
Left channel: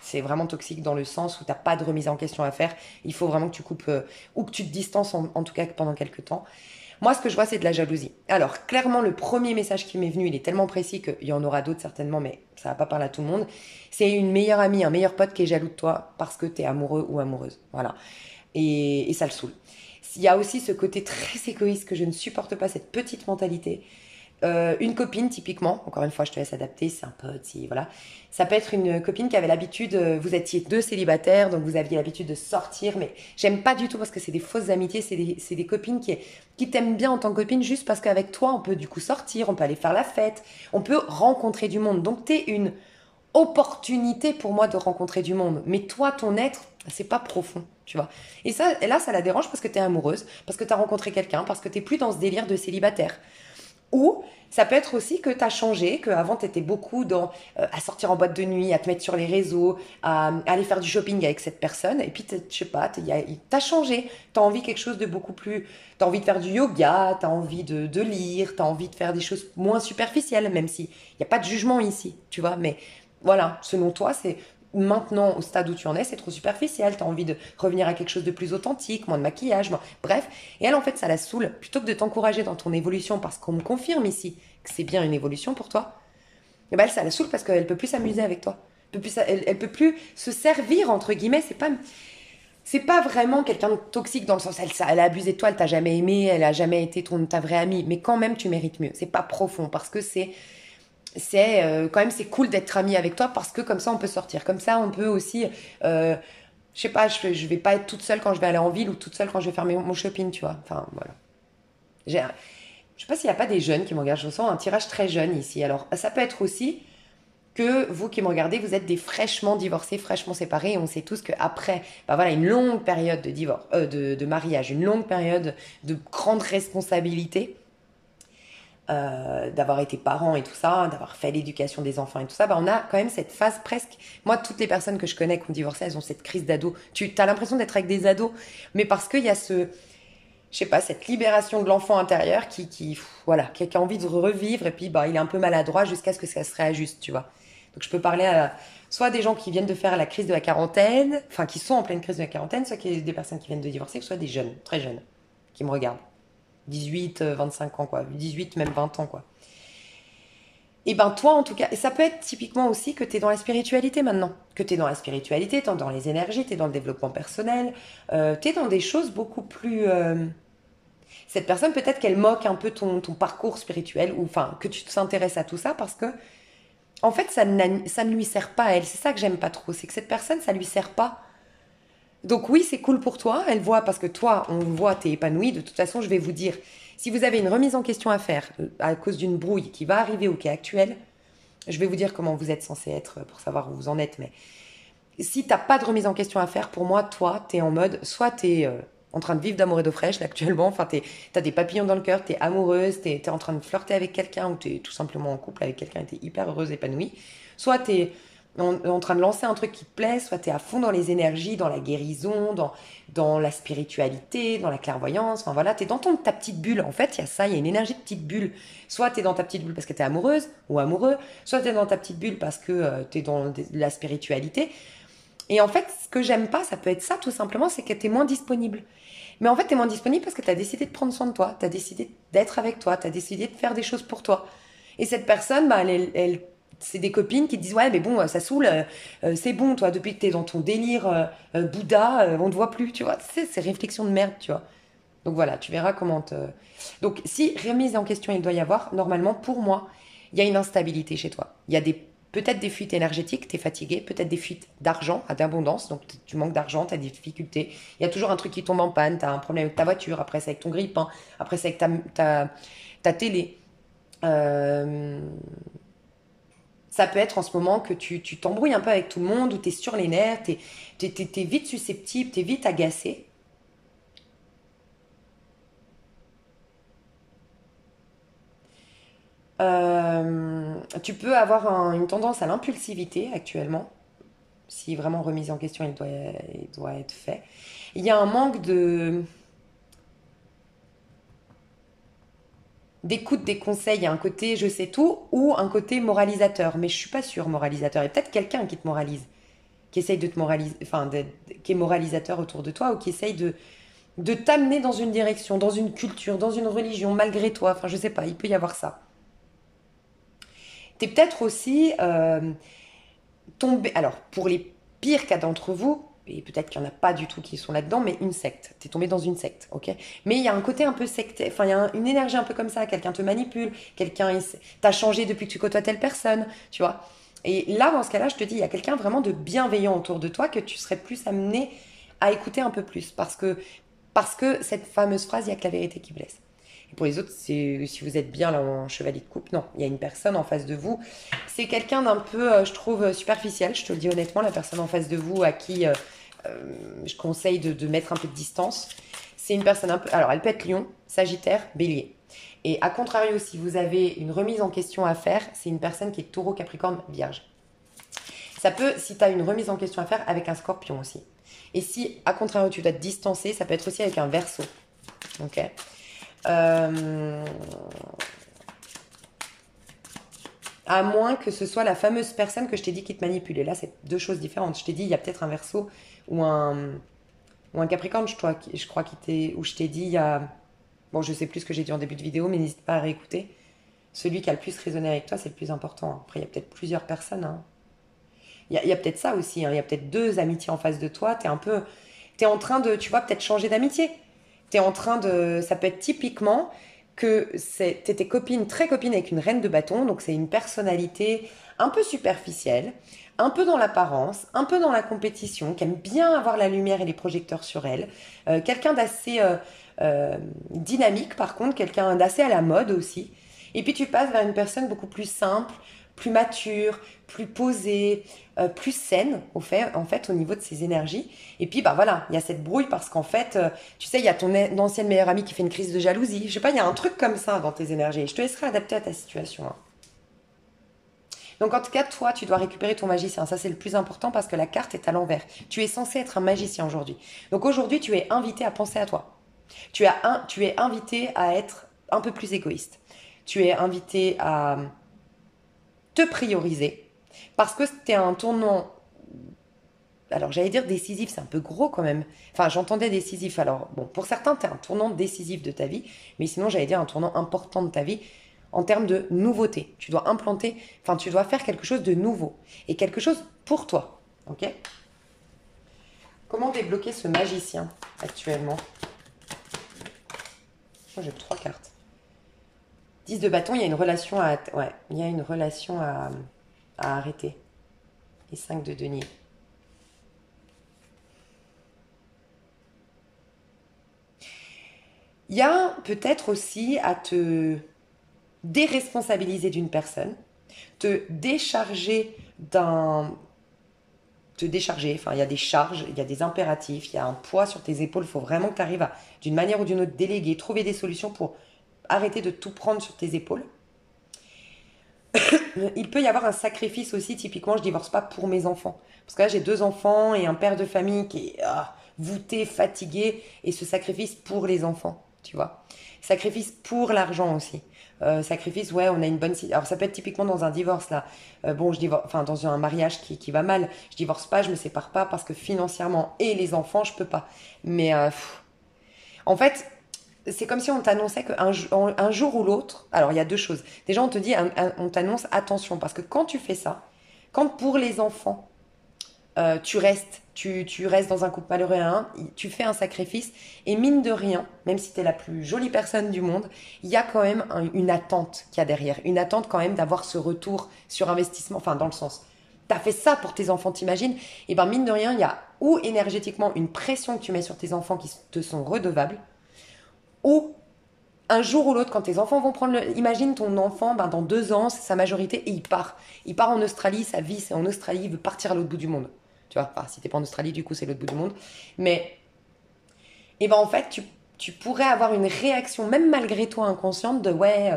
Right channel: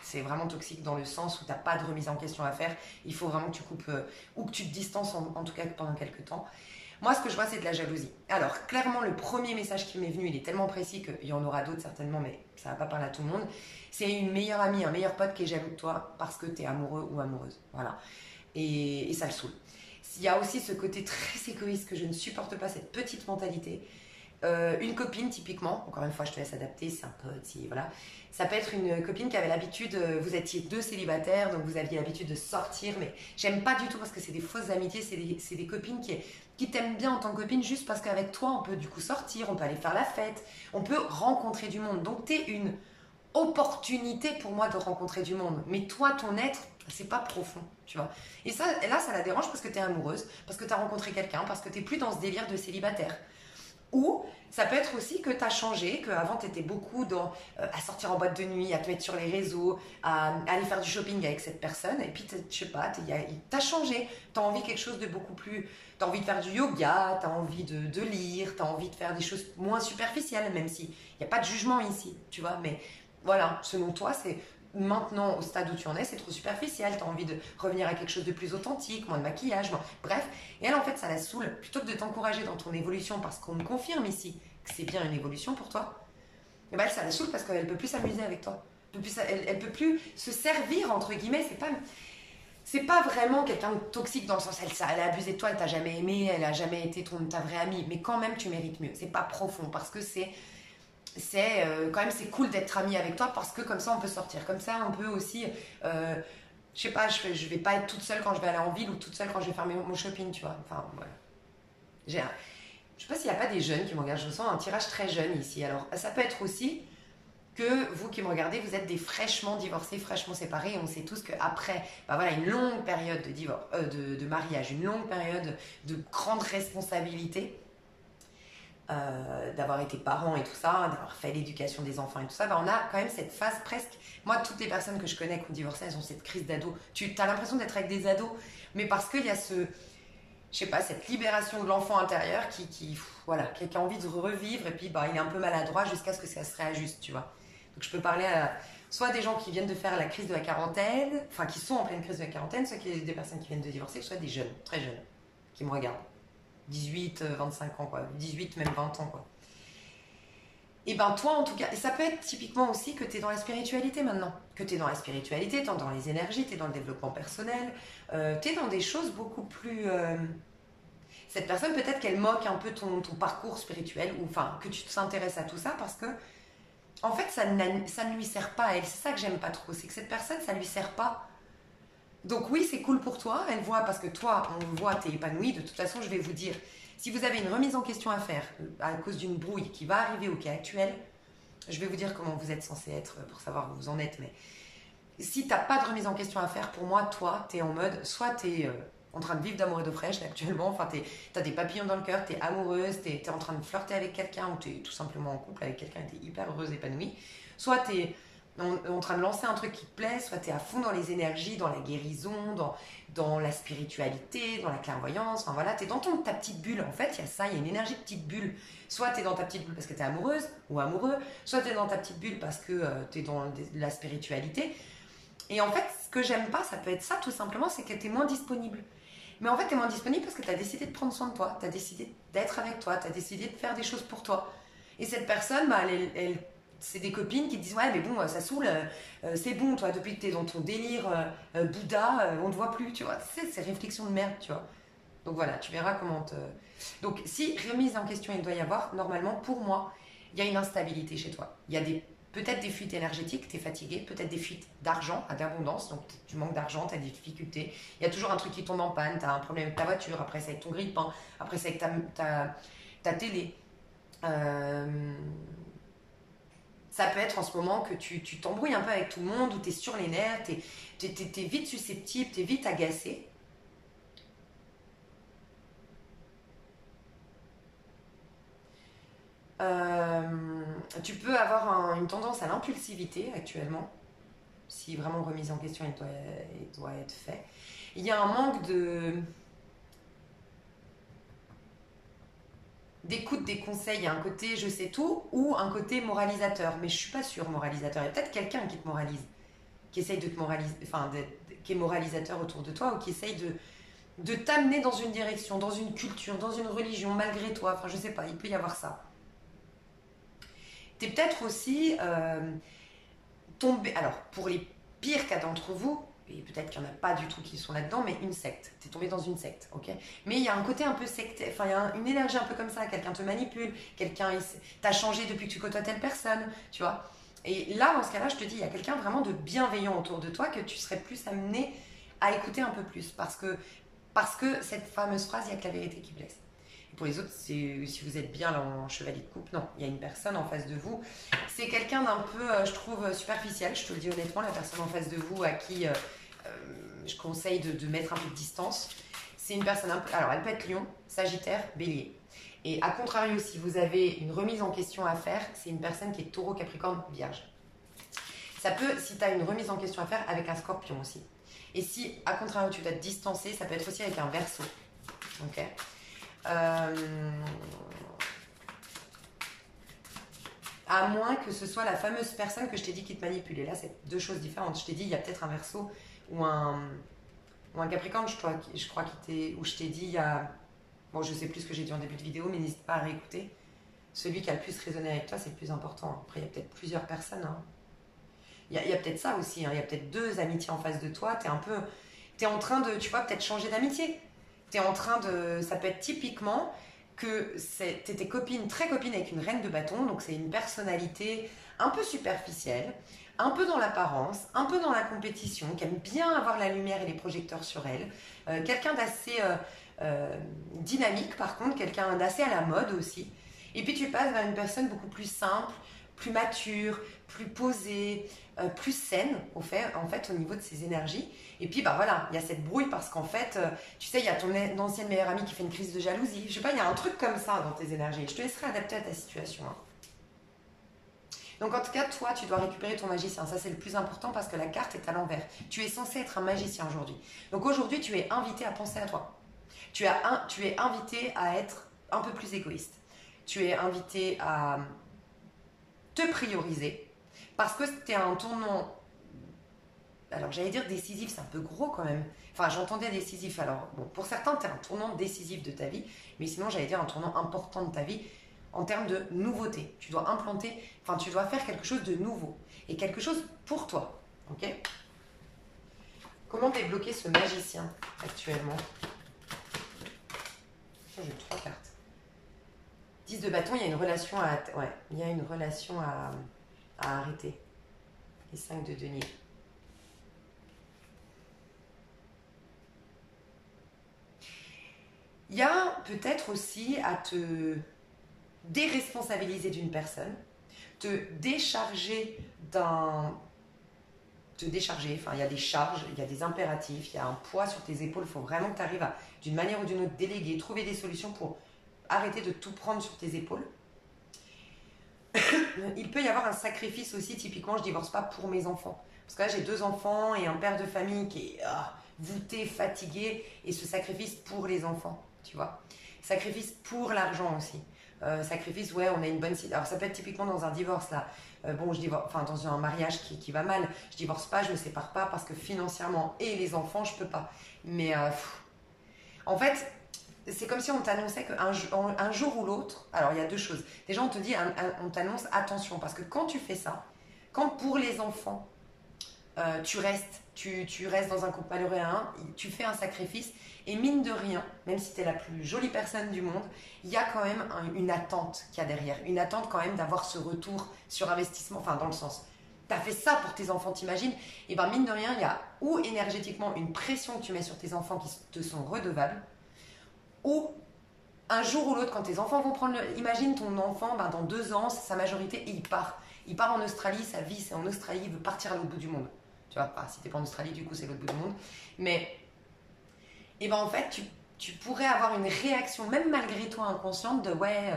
c'est vraiment toxique dans le sens où tu n'as pas de remise en question à faire. Il faut vraiment que tu coupes ou que tu te distances en tout cas pendant quelques temps. Moi, ce que je vois, c'est de la jalousie. Alors, clairement, le premier message qui m'est venu, il est tellement précis qu'il y en aura d'autres certainement, mais ça va pas parler à tout le monde. C'est une meilleure amie, un meilleur pote qui est jaloux de toi parce que tu es amoureux ou amoureuse. Voilà. Et ça le saoule. Il y a aussi ce côté très égoïste que je ne supporte pas, cette petite mentalité. Une copine, typiquement, encore une fois, je te laisse adapter, c'est un pote, si, voilà. Ça peut être une copine qui avait l'habitude, vous étiez deux célibataires, donc vous aviez l'habitude de sortir, mais j'aime pas du tout parce que c'est des fausses amitiés, c'est des copines qui t'aiment bien en tant que copine juste parce qu'avec toi, on peut du coup sortir, on peut aller faire la fête, on peut rencontrer du monde. Donc, t'es une opportunité pour moi de rencontrer du monde. Mais toi, ton être, c'est pas profond, tu vois. Et là, ça la dérange parce que t'es amoureuse, parce que t'as rencontré quelqu'un, parce que t'es plus dans ce délire de célibataire. Ou ça peut être aussi que tu as changé, qu'avant tu étais beaucoup à sortir en boîte de nuit, à te mettre sur les réseaux, à aller faire du shopping avec cette personne. Et puis, je sais pas, t'as changé. Tu as envie de quelque chose de beaucoup plus. Tu as envie de faire du yoga, tu as envie de lire, tu as envie de faire des choses moins superficielles, même s'il n'y a pas de jugement ici, tu vois. Mais voilà, selon toi, c'est maintenant au stade où tu en es, c'est trop superficiel. Tu as envie de revenir à quelque chose de plus authentique, moins de maquillage, bref. Et elle, en fait, ça la saoule. Plutôt que de t'encourager dans ton évolution, parce qu'on me confirme ici que c'est bien une évolution pour toi, et ben elle, ça la saoule parce qu'elle peut plus s'amuser avec toi. Elle peut plus se servir, entre guillemets. C'est pas vraiment quelqu'un de toxique dans le sens, elle a abusé de toi, elle t'a jamais aimé, elle a jamais été ta vraie amie. Mais quand même, tu mérites mieux. C'est pas profond parce que quand même c'est cool d'être ami avec toi parce que comme ça on peut sortir, comme ça on peut aussi je sais pas, je vais pas être toute seule quand je vais aller en ville ou toute seule quand je vais faire mon shopping, tu vois. Enfin voilà, je sais pas s'il y a pas des jeunes qui me regardent, je sens un tirage très jeune ici. Alors ça peut être aussi que vous qui me regardez, vous êtes des fraîchement divorcés, fraîchement séparés, et on sait tous qu'après bah voilà, une longue période de divorce, de mariage, une longue période de grande responsabilité, d'avoir été parent et tout ça, d'avoir fait l'éducation des enfants et tout ça, bah on a quand même cette phase presque. Moi, toutes les personnes que je connais qui ont divorcé, elles ont cette crise d'ado. Tu as l'impression d'être avec des ados, mais parce qu'il y a je sais pas, cette libération de l'enfant intérieur voilà, qui a envie de revivre et puis bah, il est un peu maladroit jusqu'à ce que ça se réajuste, tu vois. Donc je peux parler soit des gens qui viennent de faire la crise de la quarantaine, enfin qui sont en pleine crise de la quarantaine, soit des personnes qui viennent de divorcer, soit des jeunes, très jeunes, qui me regardent. 18, 25 ans, quoi. 18, même 20 ans, quoi. Et ben toi, en tout cas, et ça peut être typiquement aussi que tu es dans la spiritualité maintenant. Que tu es dans la spiritualité, tu es dans les énergies, tu es dans le développement personnel, tu es dans des choses beaucoup plus... Cette personne, peut-être qu'elle moque un peu ton parcours spirituel, ou enfin, que tu t'intéresses à tout ça, parce que, en fait, ça ne lui sert pas à elle. C'est ça que j'aime pas trop, c'est que cette personne, ça lui sert pas. Donc oui, c'est cool pour toi, elle voit, parce que toi, on voit, t'es épanoui. De toute façon, je vais vous dire, si vous avez une remise en question à faire à cause d'une brouille qui va arriver ou qui est actuelle, je vais vous dire comment vous êtes censé être pour savoir où vous en êtes. Mais si t'as pas de remise en question à faire, pour moi, toi, t'es en mode, soit t'es en train de vivre d'amour et d'eau fraîche là, actuellement, enfin t'as des papillons dans le cœur, t'es amoureuse, t'es en train de flirter avec quelqu'un ou t'es tout simplement en couple avec quelqu'un et t'es hyper heureuse, épanouie, soit t'es en train de lancer un truc qui te plaît, soit tu es à fond dans les énergies, dans la guérison, dans la spiritualité, dans la clairvoyance. Enfin voilà, tu es dans ta petite bulle. En fait, il y a ça, il y a une énergie de petite bulle. Soit tu es dans ta petite bulle parce que tu es amoureuse ou amoureux, soit tu es dans ta petite bulle parce que tu es dans la spiritualité. Et en fait, ce que j'aime pas, ça peut être ça tout simplement, c'est que tu es moins disponible. Mais en fait, tu es moins disponible parce que tu as décidé de prendre soin de toi, tu as décidé d'être avec toi, tu as décidé de faire des choses pour toi. Et cette personne, bah, c'est des copines qui te disent ouais mais bon ça saoule, c'est bon toi depuis que t'es dans ton délire Bouddha, on te voit plus, tu vois, c'est ces réflexions de merde, tu vois. Donc voilà, tu verras comment donc si remise en question il doit y avoir, normalement pour moi il y a une instabilité chez toi, il y a peut-être des fuites énergétiques, t'es fatigué, peut-être des fuites d'argent, d'abondance, donc tu manques d'argent, t'as des difficultés, il y a toujours un truc qui tombe en panne, t'as un problème avec ta voiture, après c'est avec ton grille-pain, après c'est avec ta télé. Ça peut être en ce moment que tu t'embrouilles un peu avec tout le monde, ou tu es sur les nerfs, t'es vite susceptible, tu es vite agacé. Tu peux avoir une tendance à l'impulsivité actuellement, si vraiment remise en question il doit être fait. Il y a un manque d'écoute des conseils, il y a un côté je sais tout ou un côté moralisateur, mais je suis pas sûre moralisateur, il y a peut-être quelqu'un qui te moralise. qui essaye de te moraliser, enfin, qui est moralisateur autour de toi ou qui essaye de t'amener dans une direction, dans une culture, dans une religion, malgré toi. Enfin, je sais pas, il peut y avoir ça. T'es peut-être aussi tombé, alors pour les pires cas d'entre vous, et peut-être qu'il n'y en a pas du tout qui sont là-dedans, mais une secte. T'es tombé dans une secte, ok? Mais il y a un côté un peu sectaire, enfin il y a une énergie un peu comme ça, quelqu'un te manipule, quelqu'un t'a changé depuis que tu côtoies telle personne, tu vois? Et là, dans ce cas-là, je te dis, il y a quelqu'un vraiment de bienveillant autour de toi que tu serais plus amené à écouter un peu plus, parce que cette fameuse phrase, il n'y a que la vérité qui blesse. Et pour les autres, si vous êtes bien là en chevalier de coupe, non, il y a une personne en face de vous. C'est quelqu'un d'un peu, je trouve, superficiel, je te le dis honnêtement, la personne en face de vous à qui je conseille de mettre un peu de distance. C'est une personne un peu... Alors, elle peut être lion, sagittaire, bélier. Et à contrario, si vous avez une remise en question à faire, c'est une personne qui est taureau, capricorne, vierge. Ça peut, si tu as une remise en question à faire, avec un scorpion aussi. Et si, à contrario, tu dois te distancer, ça peut être aussi avec un verseau. Ok. À moins que ce soit la fameuse personne que je t'ai dit qui te manipule. Et là, c'est deux choses différentes. Je t'ai dit, il y a peut-être un verseau ou un capricorne, je crois qu'il t'est... Ou je t'ai dit, il y a... Bon, je sais plus ce que j'ai dit en début de vidéo, mais n'hésite pas à réécouter. Celui qui a le plus résonné avec toi, c'est le plus important. Après, il y a peut-être plusieurs personnes. Hein. Il y a peut-être ça aussi. Hein. Il y a peut-être deux amitiés en face de toi. T'es en train de, tu vois, peut-être changer d'amitié. T'es en train de... Ça peut être typiquement que t'étais très copine avec une reine de bâton. Donc, c'est une personnalité un peu superficielle, un peu dans l'apparence, un peu dans la compétition, qui aime bien avoir la lumière et les projecteurs sur elle. Quelqu'un d'assez dynamique, par contre. Quelqu'un d'assez à la mode aussi. Et puis, tu passes vers une personne beaucoup plus simple, plus mature, plus posée, plus saine en fait au niveau de ses énergies. Et puis bah voilà, il y a cette brouille parce qu'en fait, tu sais, il y a ton ancienne meilleure amie qui fait une crise de jalousie. Je sais pas, il y a un truc comme ça dans tes énergies. Je te laisserai adapter à ta situation. Hein. Donc en tout cas, toi, tu dois récupérer ton magicien. Ça, c'est le plus important parce que la carte est à l'envers. Tu es censé être un magicien aujourd'hui. Donc aujourd'hui, tu es invité à penser à toi. Tu es invité à être un peu plus égoïste. Tu es invité à te prioriser. Parce que c'était un tournant, alors j'allais dire décisif, c'est un peu gros quand même. Enfin, j'entendais décisif. Alors, bon, pour certains, tu es un tournant décisif de ta vie, mais sinon, j'allais dire un tournant important de ta vie en termes de nouveauté. Tu dois implanter, enfin, tu dois faire quelque chose de nouveau et quelque chose pour toi. Ok? Comment débloquer ce magicien actuellement? Oh, j'ai 3 cartes. 10 de bâton, il y a une relation à... Ouais, il y a une relation à arrêter. Et 5 de denier. Il y a peut-être aussi à te déresponsabiliser d'une personne, te décharger enfin il y a des charges, il y a des impératifs, il y a un poids sur tes épaules, il faut vraiment que tu arrives à, d'une manière ou d'une autre, déléguer, trouver des solutions pour arrêter de tout prendre sur tes épaules. Il peut y avoir un sacrifice aussi, typiquement, je divorce pas pour mes enfants. Parce que là, j'ai 2 enfants et un père de famille qui est voûté, fatigué, et ce sacrifice pour les enfants, tu vois. Sacrifice pour l'argent aussi. Sacrifice, ouais, on a une bonne... Alors, ça peut être typiquement dans un divorce, là. Bon, je divorce, enfin, dans un mariage qui va mal. Je divorce pas, je me sépare pas, parce que financièrement, et les enfants, je peux pas. Mais, en fait... C'est comme si on t'annonçait qu'un jour ou l'autre, alors il y a 2 choses. Déjà, on te dit, on t'annonce attention, parce que quand tu fais ça, quand pour les enfants, tu restes dans un couple malheureux à un, tu fais un sacrifice, et mine de rien, même si tu es la plus jolie personne du monde, il y a quand même une attente qu'il y a derrière. Une attente quand même d'avoir ce retour sur investissement, enfin dans le sens, tu as fait ça pour tes enfants, t'imagines? Et bien mine de rien, il y a ou énergétiquement une pression que tu mets sur tes enfants qui te sont redevables, ou un jour ou l'autre, quand tes enfants vont prendre le... Imagine ton enfant, ben, dans 2 ans, c'est sa majorité et il part. Il part en Australie, sa vie c'est en Australie, il veut partir à l'autre bout du monde. Tu vois, enfin, si t'es pas en Australie, du coup c'est l'autre bout du monde. Mais, et ben en fait, tu pourrais avoir une réaction, même malgré toi inconsciente, de ouais,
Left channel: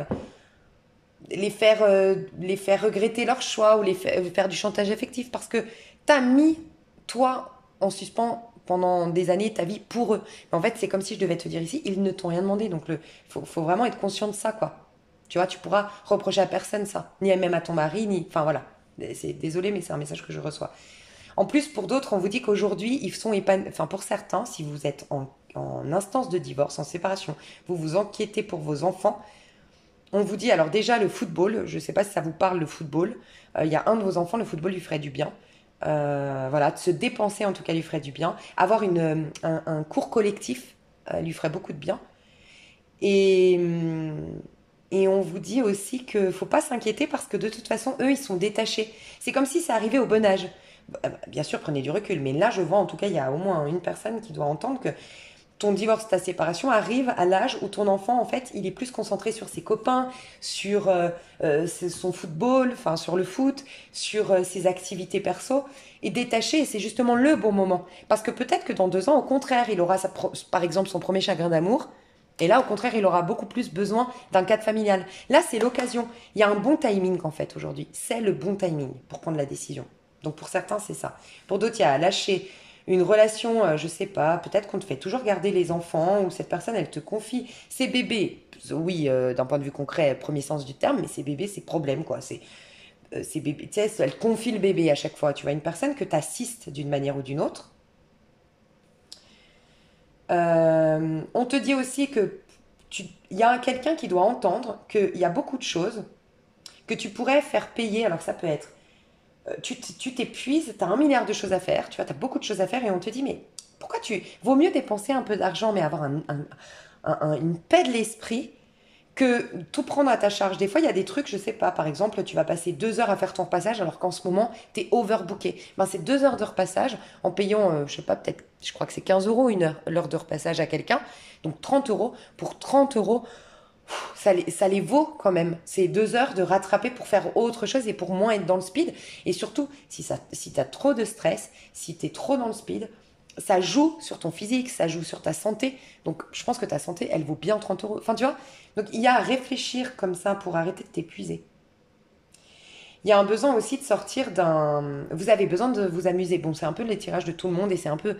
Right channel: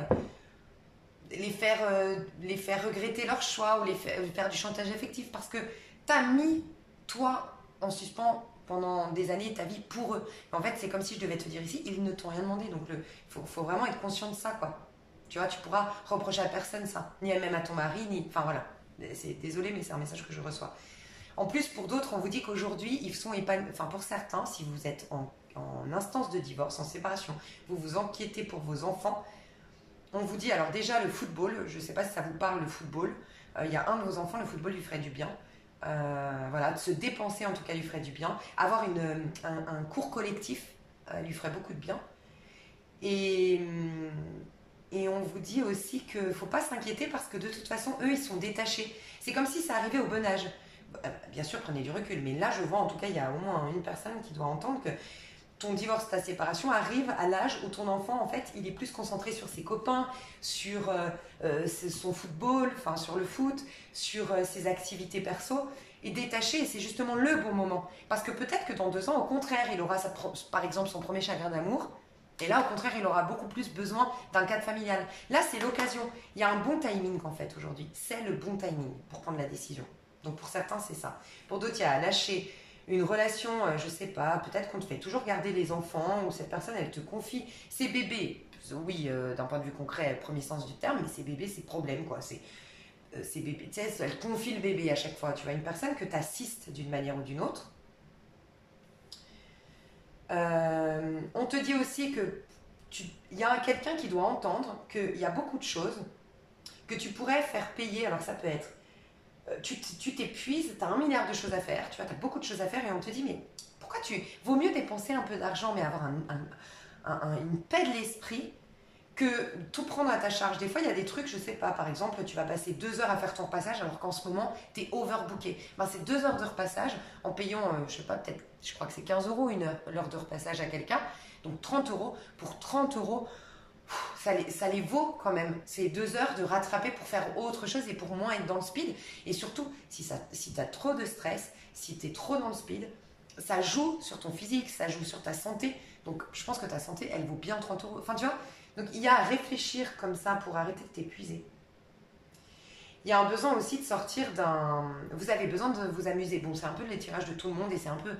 les faire regretter leur choix ou faire du chantage affectif parce que t'as mis, toi, en suspens pendant des années ta vie pour eux. Mais en fait, c'est comme si je devais te dire ici, ils ne t'ont rien demandé. Donc, faut vraiment être conscient de ça, quoi. Tu vois, tu pourras reprocher à personne ça. Ni même à ton mari, ni... Enfin, voilà. Désolé, mais c'est un message que je reçois. En plus, pour d'autres, on vous dit qu'aujourd'hui, ils sont épanouis. Enfin, pour certains, si vous êtes en instance de divorce, en séparation, vous vous inquiétez pour vos enfants, on vous dit, alors déjà, le football, je ne sais pas si ça vous parle, le football. Il y a un de vos enfants, le football lui ferait du bien. Voilà, de se dépenser en tout cas lui ferait du bien. Avoir un cours collectif lui ferait beaucoup de bien. Et, et on vous dit aussi qu'il ne faut pas s'inquiéter parce que de toute façon, eux, ils sont détachés. C'est comme si ça arrivait au bon âge. Bien sûr, prenez du recul, mais là, je vois en tout cas, il y a au moins une personne qui doit entendre que ton divorce, ta séparation arrive à l'âge où ton enfant, en fait, il est plus concentré sur ses copains, sur son football, enfin sur le foot, sur ses activités perso, et détaché, et c'est justement le bon moment. Parce que peut-être que dans 2 ans, au contraire, il aura, par exemple, son premier chagrin d'amour, et là, au contraire, il aura beaucoup plus besoin d'un cadre familial. Là, c'est l'occasion. Il y a un bon timing, en fait, aujourd'hui. C'est le bon timing pour prendre la décision. Donc, pour certains, c'est ça. Pour d'autres, il y a à lâcher une relation, je sais pas, peut-être qu'on te fait toujours garder les enfants, ou cette personne, elle te confie ses bébés. Oui, d'un point de vue concret, premier sens du terme, mais ses bébés, c'est problème, quoi. Ces bébés, tu sais, elle confie le bébé à chaque fois. Tu vois, une personne que tu assistes d'une manière ou d'une autre. On te dit aussi que il y a quelqu'un qui doit entendre qu'il y a beaucoup de choses que tu pourrais faire payer. Alors ça peut être, tu t'épuises, tu as 1 milliard de choses à faire, tu vois, tu as beaucoup de choses à faire et on te dit, mais pourquoi vaut mieux dépenser un peu d'argent mais avoir une paix de l'esprit que tout prendre à ta charge. Des fois, il y a des trucs, je sais pas, par exemple, tu vas passer 2 heures à faire ton repassage alors qu'en ce moment, tu es overbooké. Ben, c'est 2 heures de repassage en payant, je sais pas, peut-être, je crois que c'est 15 euros l'heure de repassage à quelqu'un. Donc 30 euros. Pour 30 euros, ça les vaut quand même. C'est 2 heures de rattraper pour faire autre chose et pour moins être dans le speed. Et surtout, si tu as trop de stress, si tu es trop dans le speed, ça joue sur ton physique, ça joue sur ta santé. Donc je pense que ta santé, elle vaut bien 30 euros. Enfin, tu vois, donc il y a à réfléchir comme ça pour arrêter de t'épuiser. Il y a un besoin aussi de sortir d'un... Vous avez besoin de vous amuser. Bon, c'est un peu les tirages de tout le monde et c'est un peu...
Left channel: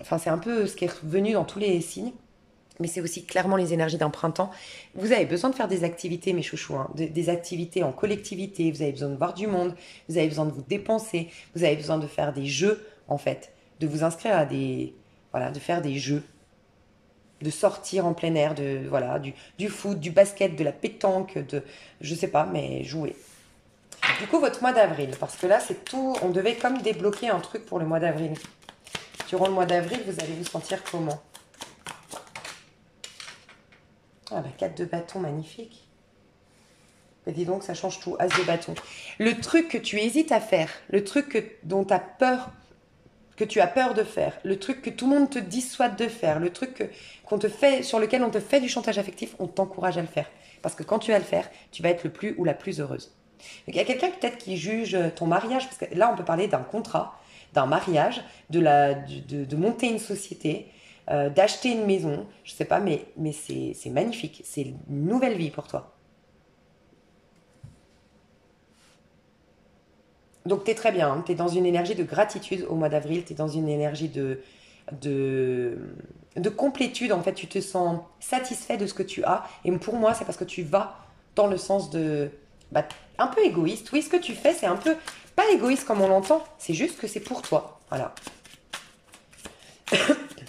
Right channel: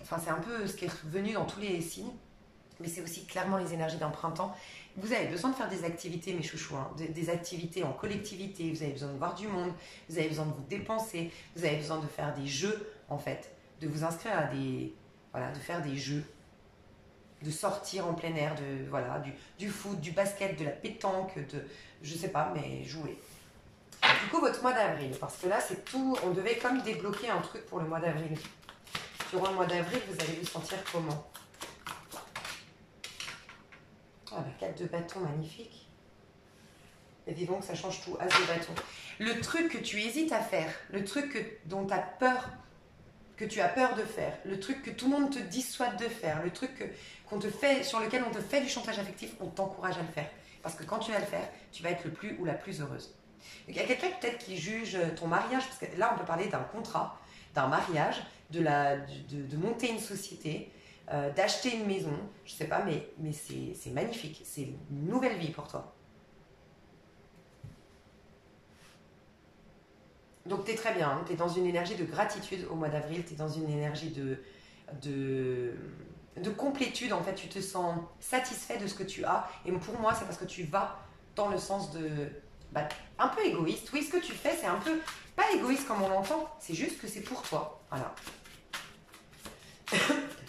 Enfin, c'est un peu ce qui est revenu dans tous les signes. Mais c'est aussi clairement les énergies d'un printemps. Vous avez besoin de faire des activités, mes chouchous, hein, des activités en collectivité. Vous avez besoin de voir du monde. Vous avez besoin de vous dépenser. Vous avez besoin de faire des jeux, en fait. De vous inscrire à des... Voilà, de faire des jeux, de sortir en plein air, voilà, du foot, du basket, de la pétanque, je sais pas, mais jouer. Du coup, votre mois d'avril, parce que là, c'est tout, on devait comme débloquer un truc pour le mois d'avril. Durant le mois d'avril, vous allez vous sentir comment? Ah bah, 4 de bâton, magnifique. Et dis donc, ça change tout, as de bâton. Le truc que tu hésites à faire, le truc dont tu as peur, que tu as peur de faire, le truc que tout le monde te dissuade de faire, le truc qu'on te fait, sur lequel on te fait du chantage affectif, on t'encourage à le faire. Parce que quand tu vas le faire, tu vas être le plus ou la plus heureuse. Donc, il y a quelqu'un peut-être qui juge ton mariage, parce que là on peut parler d'un contrat, d'un mariage, de monter une société, d'acheter une maison, je sais pas, mais c'est magnifique, c'est une nouvelle vie pour toi. Donc tu es très bien, tu es dans une énergie de gratitude au mois d'avril, tu es dans une énergie de, de complétude, en fait, tu te sens satisfait de ce que tu as. Et pour moi, c'est parce que tu vas dans le sens de... Bah, un peu égoïste. Oui, ce que tu fais, c'est un peu... Pas égoïste comme on l'entend, c'est juste que c'est pour toi. Voilà.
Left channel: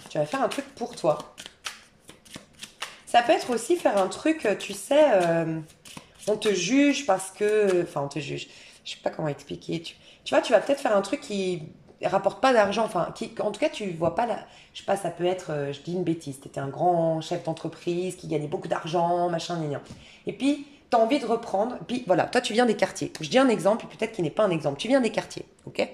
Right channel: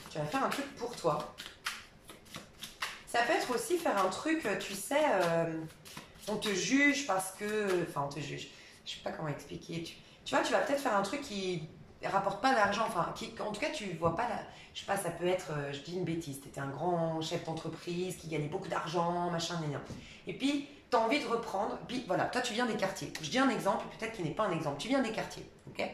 Tu vas faire un truc pour toi. Ça peut être aussi faire un truc, tu sais, on te juge parce que... Enfin, on te juge. Je sais pas comment expliquer. Tu vois, tu vas peut-être faire un truc qui rapporte pas d'argent. Enfin, en tout cas, tu vois pas la... Je sais pas, ça peut être, je dis une bêtise, tu étais un grand chef d'entreprise qui gagnait beaucoup d'argent, machin, gna. Et puis, tu as envie de reprendre. Puis voilà, toi, tu viens des quartiers. Je dis un exemple, peut-être qu'il n'est pas un exemple. Tu viens des quartiers, ok?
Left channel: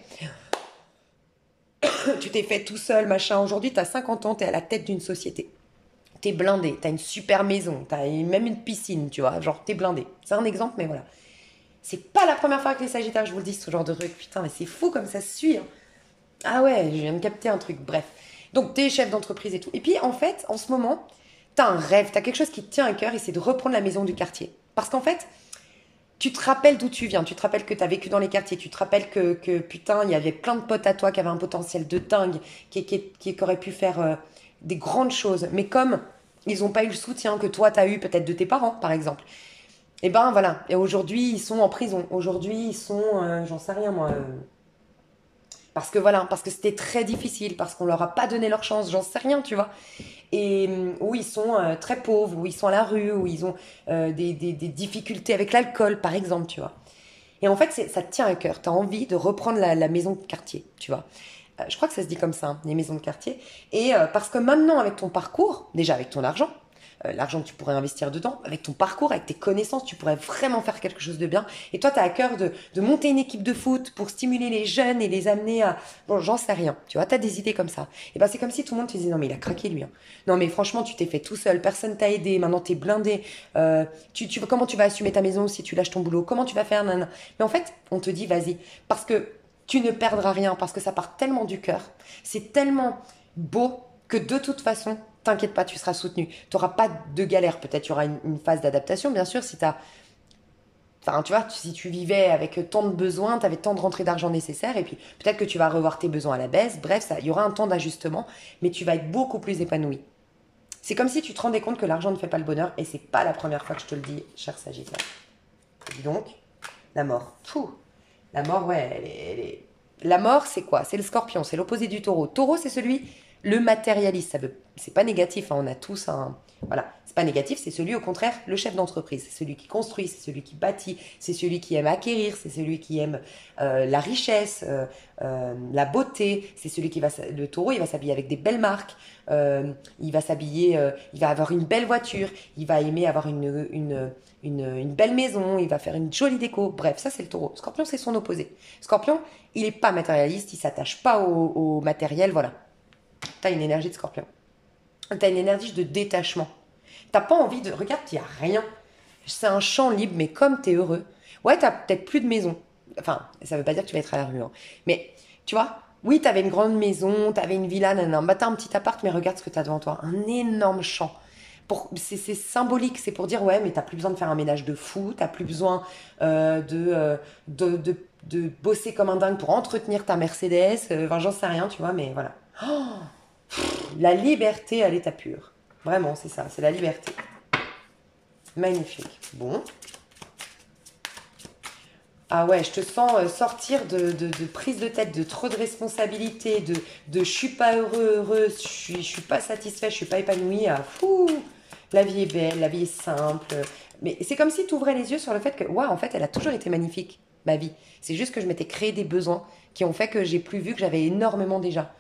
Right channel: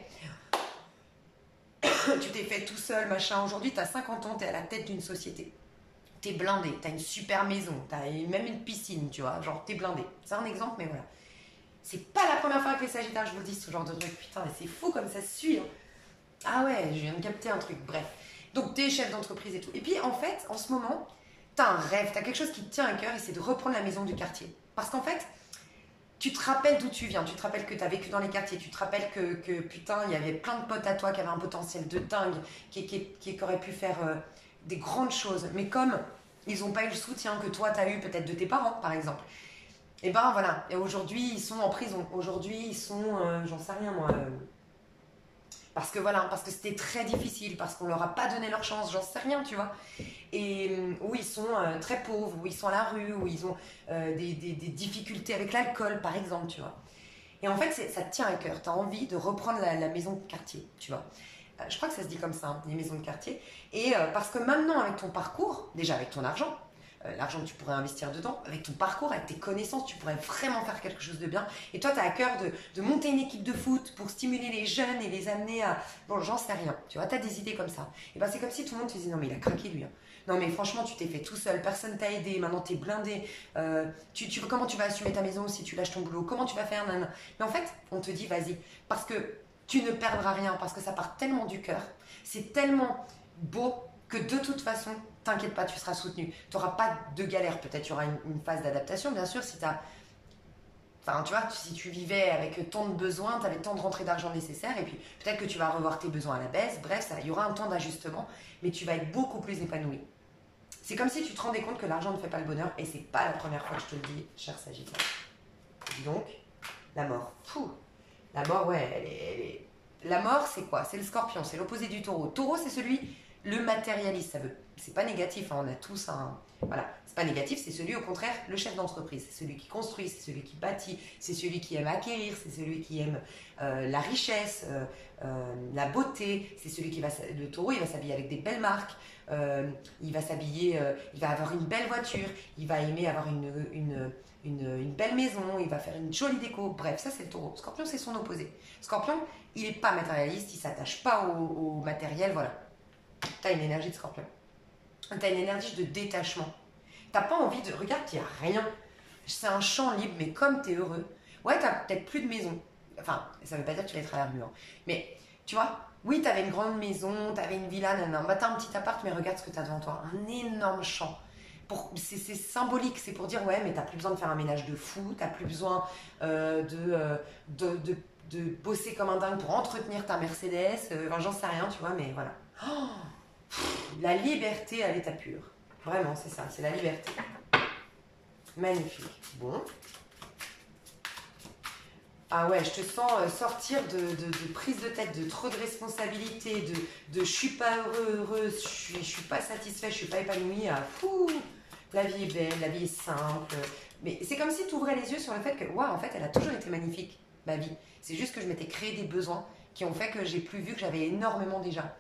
Tu t'es fait tout seul, machin. Aujourd'hui, tu as 50 ans, tu es à la tête d'une société. T'es blindé, t'as une super maison, t'as même une piscine, tu vois, genre t'es blindé. C'est un exemple, mais voilà. C'est pas la première fois que les Sagittaires, je vous le dis, ce genre de truc. Putain, mais c'est fou comme ça se suit, hein. Ah ouais, je viens de capter un truc, bref. Donc t'es chef d'entreprise et tout. Et puis en fait, en ce moment, t'as un rêve, t'as quelque chose qui te tient à cœur et c'est de reprendre la maison du quartier. Parce qu'en fait, tu te rappelles d'où tu viens, tu te rappelles que tu as vécu dans les quartiers, tu te rappelles que putain, il y avait plein de potes à toi qui avaient un potentiel de dingue, qui auraient pu faire des grandes choses. Mais comme ils n'ont pas eu le soutien que toi, tu as eu peut-être de tes parents, par exemple. Et ben voilà, et aujourd'hui, ils sont en prison. Aujourd'hui, ils sont, j'en sais rien moi, Parce que voilà, parce que c'était très difficile, parce qu'on leur a pas donné leur chance, j'en sais rien, tu vois. Et où ils sont très pauvres, où ils sont à la rue, où ils ont des difficultés avec l'alcool, par exemple, tu vois. Et en fait, ça te tient à cœur. Tu as envie de reprendre la maison de quartier, tu vois. Je crois que ça se dit comme ça, hein, les maisons de quartier. Et parce que maintenant, avec ton parcours, déjà avec ton argent, l'argent que tu pourrais investir dedans, avec ton parcours, avec tes connaissances, tu pourrais vraiment faire quelque chose de bien. Et toi, tu as à cœur de monter une équipe de foot pour stimuler les jeunes et les amener à... Bon, j'en sais rien, tu vois, tu as des idées comme ça. Et ben c'est comme si tout le monde te disait, non mais il a craqué lui. Hein. Non mais franchement, tu t'es fait tout seul, personne t'a aidé, maintenant t'es blindé. Comment tu vas assumer ta maison si tu lâches ton boulot? Comment tu vas faire? Nanana. Mais en fait, on te dit, vas-y, parce que tu ne perdras rien, parce que ça part tellement du cœur, c'est tellement beau que de toute façon, t'inquiète pas, tu seras soutenu. Tu n'auras pas de galère. Peut-être il y aura une phase d'adaptation, bien sûr, si tu as... Enfin, tu vois, si tu vivais avec tant de besoins, tu avais tant de rentrées d'argent nécessaires, et puis peut-être que tu vas revoir tes besoins à la baisse. Bref, il y aura un temps d'ajustement, mais tu vas être beaucoup plus épanoui. C'est comme si tu te rendais compte que l'argent ne fait pas le bonheur, et c'est pas la première fois que je te le dis, cher Sagittaire. Donc, la mort. Pouh. La mort, ouais, La mort, c'est quoi? C'est le scorpion, c'est l'opposé du taureau. Taureau, c'est celui, le matérialiste. C'est pas négatif, hein, on a tous un... Voilà, c'est pas négatif, c'est celui, au contraire, le chef d'entreprise. C'est celui qui construit, c'est celui qui bâtit, c'est celui qui aime acquérir, c'est celui qui aime la richesse, la beauté. C'est celui qui va... Le taureau, il va s'habiller avec des belles marques. Il va s'habiller, il va avoir une belle voiture, il va aimer avoir une belle maison, il va faire une jolie déco. Bref, ça c'est le taureau. Scorpion, c'est son opposé. Scorpion, il n'est pas matérialiste, il ne s'attache pas au matériel, voilà. Tu as une énergie de scorpion. Tu as une énergie de détachement. Tu n'as pas envie de... Regarde, il n'y a rien. C'est un champ libre, mais comme tu es heureux. Ouais, tu n'as peut-être plus de maison. Enfin, ça ne veut pas dire que tu vas être à la rue. Hein. Mais, tu vois, oui, tu avais une grande maison, tu avais une villa, nanana. Bah, tu as un petit appart, mais regarde ce que tu as devant toi. Un énorme champ. C'est symbolique, c'est pour dire, ouais, mais tu n'as plus besoin de faire un ménage de fou, tu n'as plus besoin de bosser comme un dingue pour entretenir ta Mercedes. Enfin, j'en sais rien, tu vois, mais voilà. Oh, la liberté à l'état pur. Vraiment, c'est ça, c'est la liberté. Magnifique. Bon. Ah ouais, je te sens sortir de prise de tête, de trop de responsabilités, de je suis pas heureux, je suis pas satisfait, je suis pas épanoui. Ah, fou, la vie est belle, la vie est simple. Mais c'est comme si tu ouvrais les yeux sur le fait que, ouais, en fait, elle a toujours été magnifique, ma vie. C'est juste que je m'étais créé des besoins qui ont fait que j'ai plus vu que j'avais énormément déjà.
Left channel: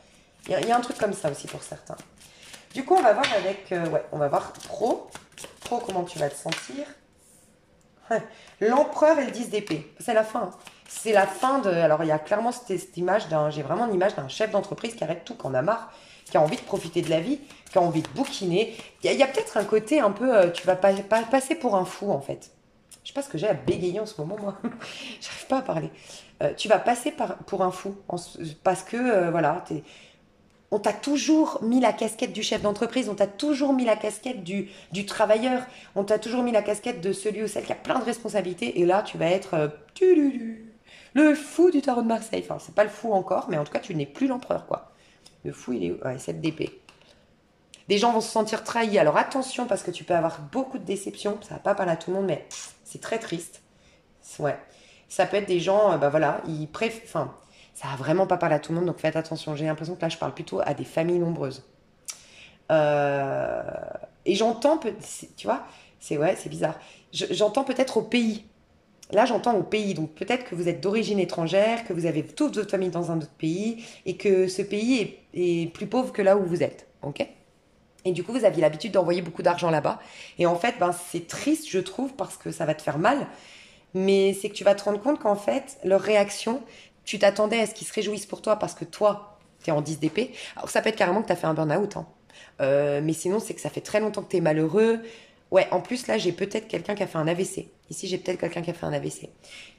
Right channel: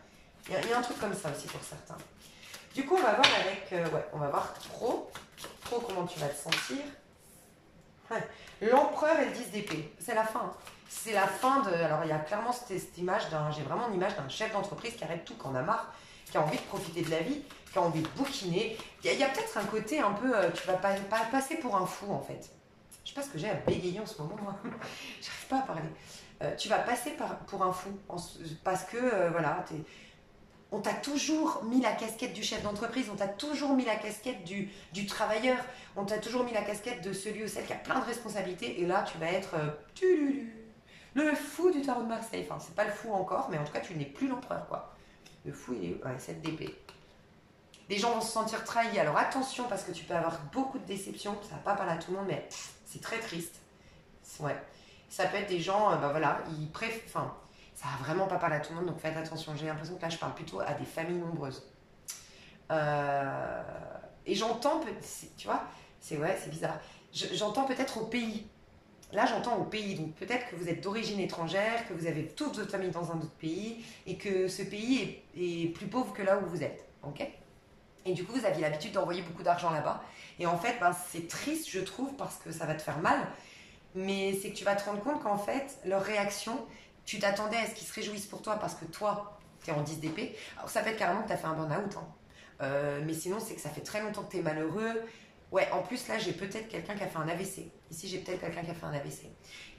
Il y a un truc comme ça aussi pour certains. Du coup, on va voir avec... ouais, on va voir pro. Pro, comment tu vas te sentir. L'empereur et le 10 d'épée. C'est la fin. Hein. C'est la fin de... Alors, il y a clairement cette image d'un... J'ai vraiment une image d'un chef d'entreprise qui arrête tout, qui en a marre, qui a envie de profiter de la vie, qui a envie de bouquiner. Il y a peut-être un côté un peu... tu vas pas passer pour un fou, en fait. Je sais pas ce que j'ai à bégayer en ce moment, moi. J'arrive pas à parler. Tu vas passer pour un fou. Parce que, voilà, on t'a toujours mis la casquette du chef d'entreprise, on t'a toujours mis la casquette du travailleur, on t'a toujours mis la casquette de celui ou celle qui a plein de responsabilités. Et là, tu vas être le fou du tarot de Marseille. Enfin, c'est pas le fou encore, mais en tout cas, tu n'es plus l'empereur, quoi. Le fou, il est où? Ouais, 7 d'épée. Des gens vont se sentir trahis. Alors attention, parce que tu peux avoir beaucoup de déceptions. Ça va pas parler à tout le monde, mais c'est très triste. Ouais. Ça peut être des gens, bah voilà, ils préfèrent... Enfin, ça va vraiment pas parler à tout le monde, donc faites attention. J'ai l'impression que là, je parle plutôt à des familles nombreuses. Et j'entends, tu vois, c'est bizarre. J'entends peut-être au pays. Là, j'entends au pays. Donc peut-être que vous êtes d'origine étrangère, que vous avez toute votre famille dans un autre pays, et que ce pays est plus pauvre que là où vous êtes. Ok? Et du coup, vous aviez l'habitude d'envoyer beaucoup d'argent là-bas. Et en fait, ben, c'est triste, je trouve, parce que ça va te faire mal. Mais c'est que tu vas te rendre compte qu'en fait, leur réaction, tu t'attendais à ce qu'ils se réjouissent pour toi parce que toi, tu es en 10 d'épée. Alors ça peut être carrément que tu as fait un burn-out. Hein. Mais sinon, c'est que ça fait très longtemps que tu es malheureux. Ouais, en plus, là, j'ai peut-être quelqu'un qui a fait un AVC. Ici, j'ai peut-être quelqu'un qui a fait un AVC.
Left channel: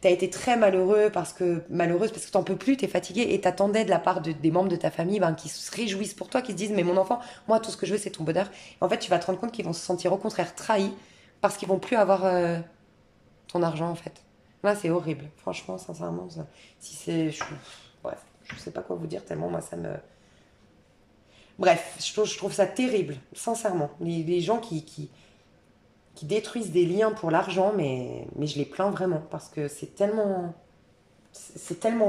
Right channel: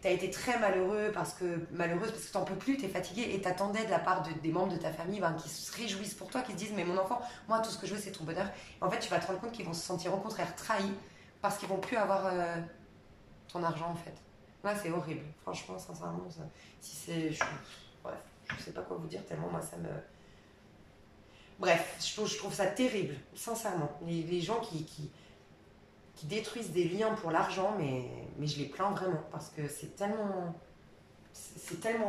Tu as été très malheureuse parce que tu n'en peux plus, tu es fatiguée et t'attendais de la part des membres de ta famille ben, qui se réjouissent pour toi, qui se disent, mais mon enfant, moi, tout ce que je veux, c'est ton bonheur. Et en fait, tu vas te rendre compte qu'ils vont se sentir au contraire trahis parce qu'ils vont plus avoir ton argent, en fait. Là, c'est horrible. Franchement, sincèrement, si c'est... Bref, je sais pas quoi vous dire tellement, moi, ça me... Bref, je trouve ça terrible, sincèrement. Les gens qui détruisent des liens pour l'argent, mais je les plains vraiment parce que c'est tellement